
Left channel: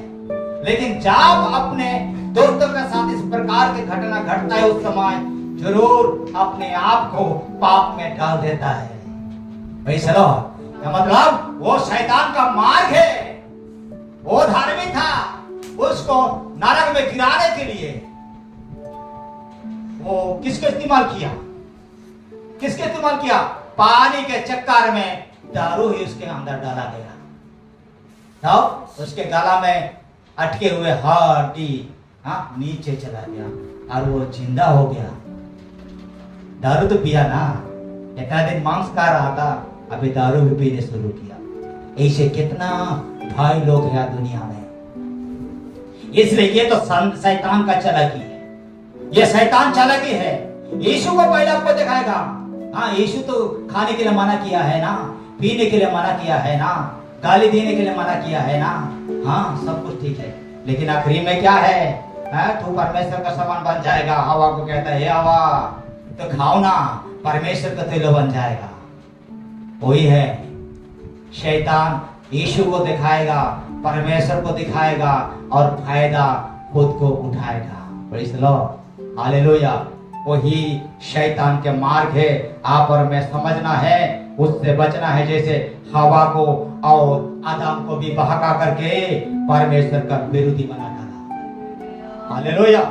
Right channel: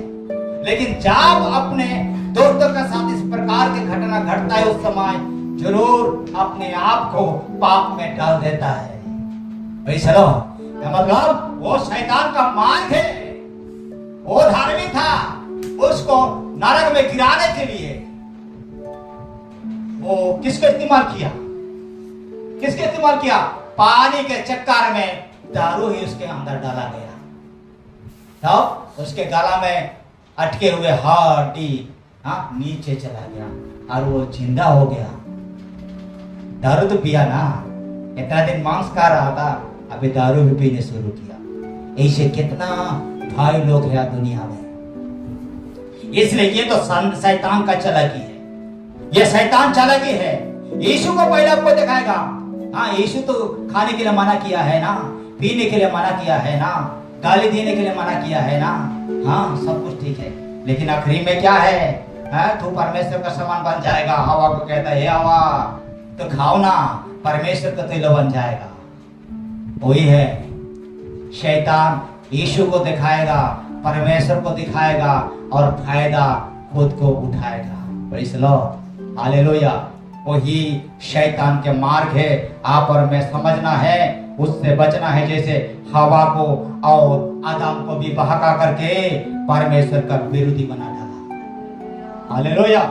लेकिन जब अपने दोस्तों के साथ इस प्रकार की घटना घटता है उस समय जरूर अपने आप को पाप में डाल देता है। भाई चलो, मतलब वो शैतान का मार्ग है, वो धार्मिक था, उसको नरक में गिराने के लिए वो किसके इस्तेमाल किया? किसके इस्तेमाल किया? पानी के चक्कर में दारू ही उसके अंदर डाला गया, तो उसके गला में अटके हुए हड्डी नीचे चला गया और वो जिंदा हो गया। दारू तो पिया ना, इतना दिन मांस खा रहा था, अभी दारू भी पीने शुरू किया। ऐसे कितना भाई लोग हैं दुनिया में। इसलिए ये तो शैतान का चालाकी है, ये शैतान चालाकी है। यीशु को पहले आपको दिखाएगा, हाँ यीशु तो खाने के लिए मना किया है ना, पीने के लिए मना किया है ना, गाली देने के लिए मना किया है ना, हाँ सब कुछ ठीक है, लेकिन आखिरी में क्या है? तू परमेश्वर का समान बन जाएगा। हवा को कहता है, हे हवा तो खाओ ना, परमेश्वर का तेल बन जाएगा। वही है, शैतान यीशु को दिखाएगा, परमेश्वर को दिखाएगा और फायदा खुद को उठाएगा। Praise the Lord, hallelujah. वही शैतान के मार्ग है, आप और मैं समझना है, उससे बचना है। जैसे हवा को और आदम को भी बहका करके परमेश्वर का विरोधी बना डाला। Hallelujah,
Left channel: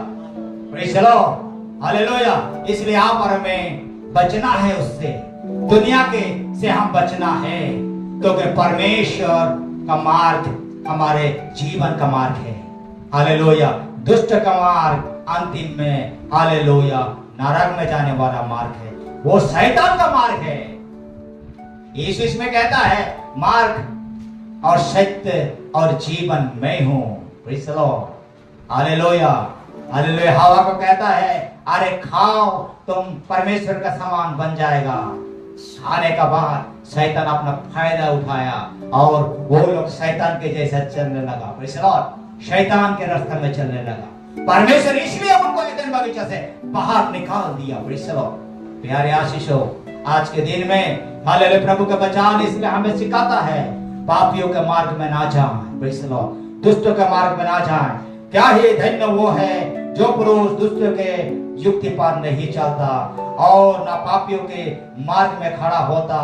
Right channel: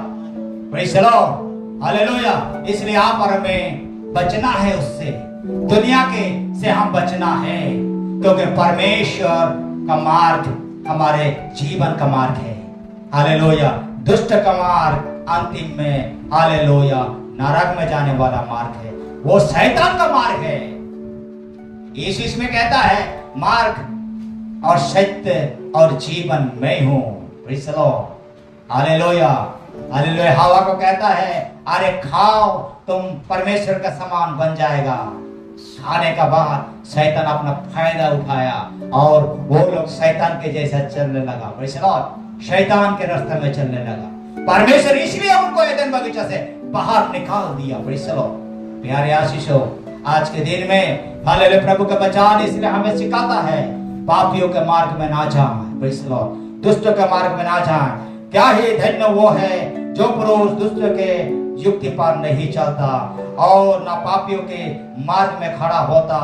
praise the Lord, hallelujah. इसलिए आप और हमें बचना है उससे, दुनिया के से हम बचना है, क्योंकि परमेश्वर का मार्ग हमारे जीवन का मार्ग है। हालेलुया। दुष्ट का मार्ग अंतिम में, हालेलुया, नरक में जाने वाला मार्ग है, वो शैतान का मार्ग है। यीशु इसमें कहता है, मार्ग और सत्य और जीवन मैं हूं। Praise the Lord, hallelujah, hallelujah. हवा को कहता है, अरे खाओ, तुम परमेश्वर का समान बन जाएगा। खाने का बाद शैतान अपना फायदा उठाया और वो लोग शैतान के जैसा चलने लगा। प्रेज़ द लॉर्ड, शैतान के रास्ते में चलने लगा। परमेश्वर इसलिए उनको एदन बगीचा से बाहर निकाल दिया। Praise the Lord. प्यारे आशीषों, आज के दिन में हालेलुया, प्रभु का वचन इसलिए हमें सिखाता है, पापियों के मार्ग में ना जाएं। प्रेज़ द लॉर्ड, दुष्टों के मार्ग में ना जाएं। क्या ही धन्य वो है जो पुरुष दुष्ट के युक्ति पर नहीं चलता और ना पापियों के मार्ग में खड़ा होता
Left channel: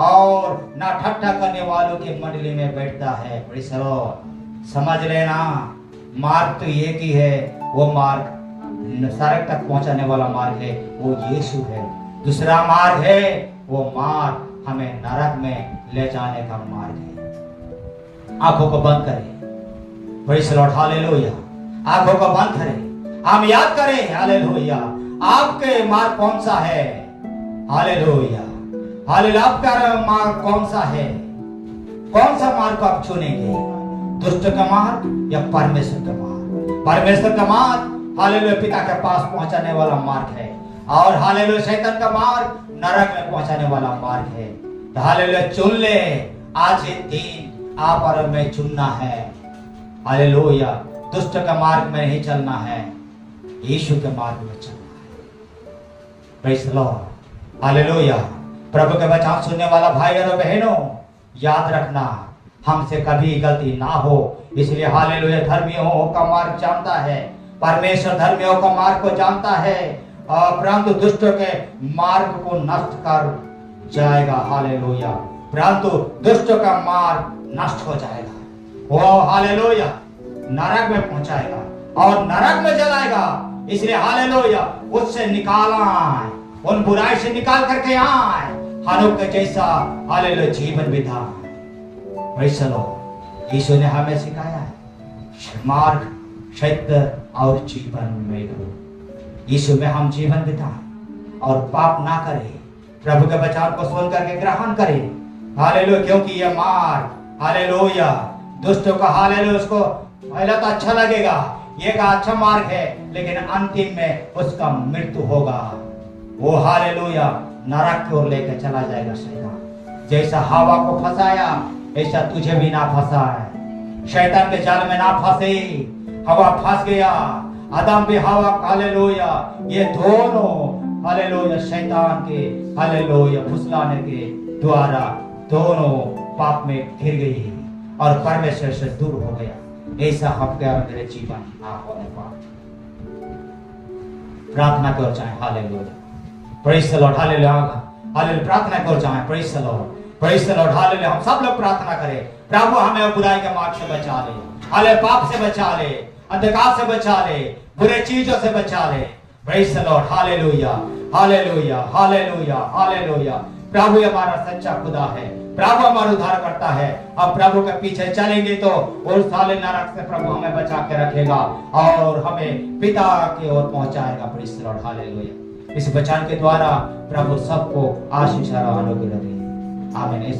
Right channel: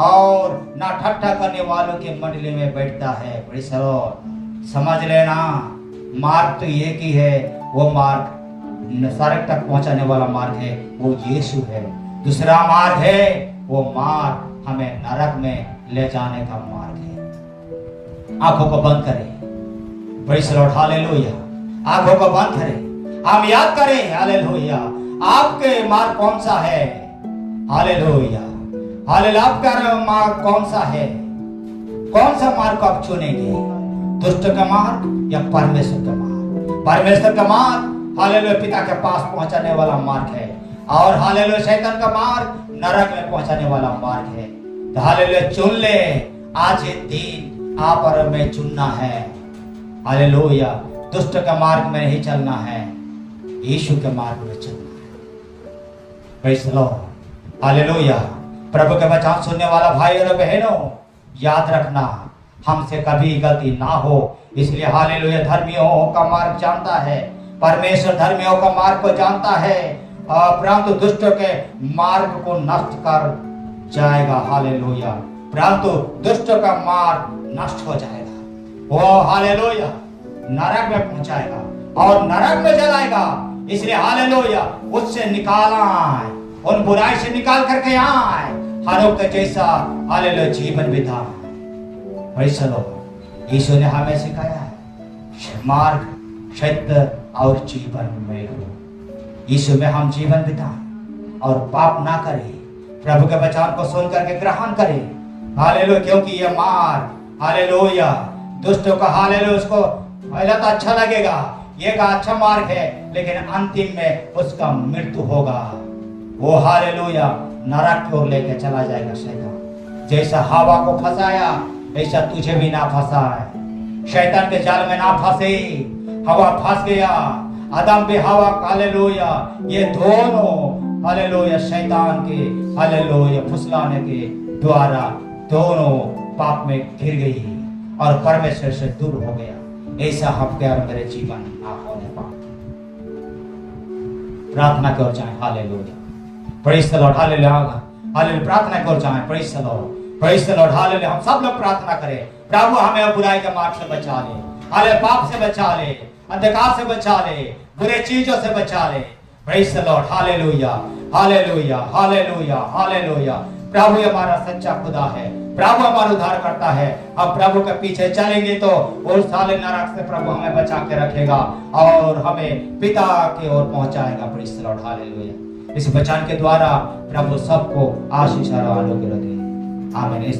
और ना ठट्ठा करने वालों की मंडली में बैठता है। प्रेज़ द लॉर्ड, समझ लेना, मार्ग तो एक ही है, वो मार्ग नरक तक पहुंचाने वाला मार्ग है, वो यीशु है। दूसरा मार्ग है, वो मार्ग हमें नरक में ले जाने का मार्ग है। आंखों को बंद करें। Praise the Lord, hallelujah. आंखों को बंद करें, हम याद करें, हालेलुया, आपके मार्ग कौन सा है? Hallelujah, hallelujah. आपका मार्ग कौन सा है? कौन सा मार्ग को आप चुनेंगे? दुष्ट का मार्ग या परमेश्वर का मार्ग? परमेश्वर का मार्ग, हालेलुया, पिता के पास पहुंचाने वाला मार्ग है, और हालेलुया शैतान का मार्ग नरक में पहुंचाने वाला मार्ग है। तो हालेलुया चुन ले, आज ये दिन आप और मैं चुनना है। हालेलुया, दुष्ट का मार्ग में नहीं चलना है, यीशु के मार्ग में चलना है। Praise the Lord, hallelujah. प्रभु के वचन सुनने वाला भाई और बहनों, याद रखना, हमसे कभी गलती ना हो। इसलिए हालेलुया, धर्मियों का मार्ग जानता है, परमेश्वर धर्मियों का मार्ग को जानता है, परंतु दुष्टों के मार्ग को नष्ट कर जाएगा। हालेलुया, परंतु दुष्टों का मार्ग नष्ट हो जाएगा, वो हालेलुया नरक में पहुंचाएगा और नरक में जलाएगा। इसलिए हालेलुया उससे निकाला आए, उन बुराई से निकाल करके आए, हनोक के जैसा हालेलुया जीवन बिता। यीशु ने हमें सिखाया है मार्ग, सत्य और जीवन में गुरु। यीशु में हम जीवन बिताएं और पाप ना करें, प्रभु के वचन को सुन करके ग्रहण करें। हालेलुया, क्योंकि ये मार्ग हालेलुया दुष्टों का हालेलुया उसको पहले तो अच्छा लगेगा, ये का अच्छा मार्ग है, लेकिन अंतिम में उसका मृत्यु होगा। वो हालेलुया नरक की ओर लेकर चला जाएगा शैतान। जैसा हवा को फंसाया ऐसा तुझे भी ना फंसाए, शैतान के जाल में ना फंसे। हवा फंस गया, आदम भी हवा हालेलुया, ये दोनों हालेलुया शैतान के हालेलुया फुसलाने के द्वारा दोनों पाप में गिर गई और परमेश्वर से दूर हो गया। ऐसा हफ्ते और मेरे जीवन ना होने पाए। प्रार्थना की ओर जाएं, hallelujah, praise the Lord, hallelujah, hallelujah, प्रार्थना की ओर जाएं, praise the Lord, praise the Lord, hallelujah. हम सब लोग प्रार्थना करें, प्रभु हमें बुराई के मार्ग से बचा ले, हालेलुया, पाप से बचा ले, अंधकार से बचा ले, बुरे चीजों से बचा ले। Praise the Lord, hallelujah, hallelujah, hallelujah, hallelujah. प्रभु हमारा सच्चा खुदा है, प्रभु हमारा उद्धार करता है। हम प्रभु के पीछे चलेंगे तो उस साले नरक से प्रभु हमें बचा के रखेगा और हमें पिता की ओर पहुंचाएगा। Praise the Lord, hallelujah. इस वचन के द्वारा प्रभु सबको आशीष और अनुग्रह दे। आमीन।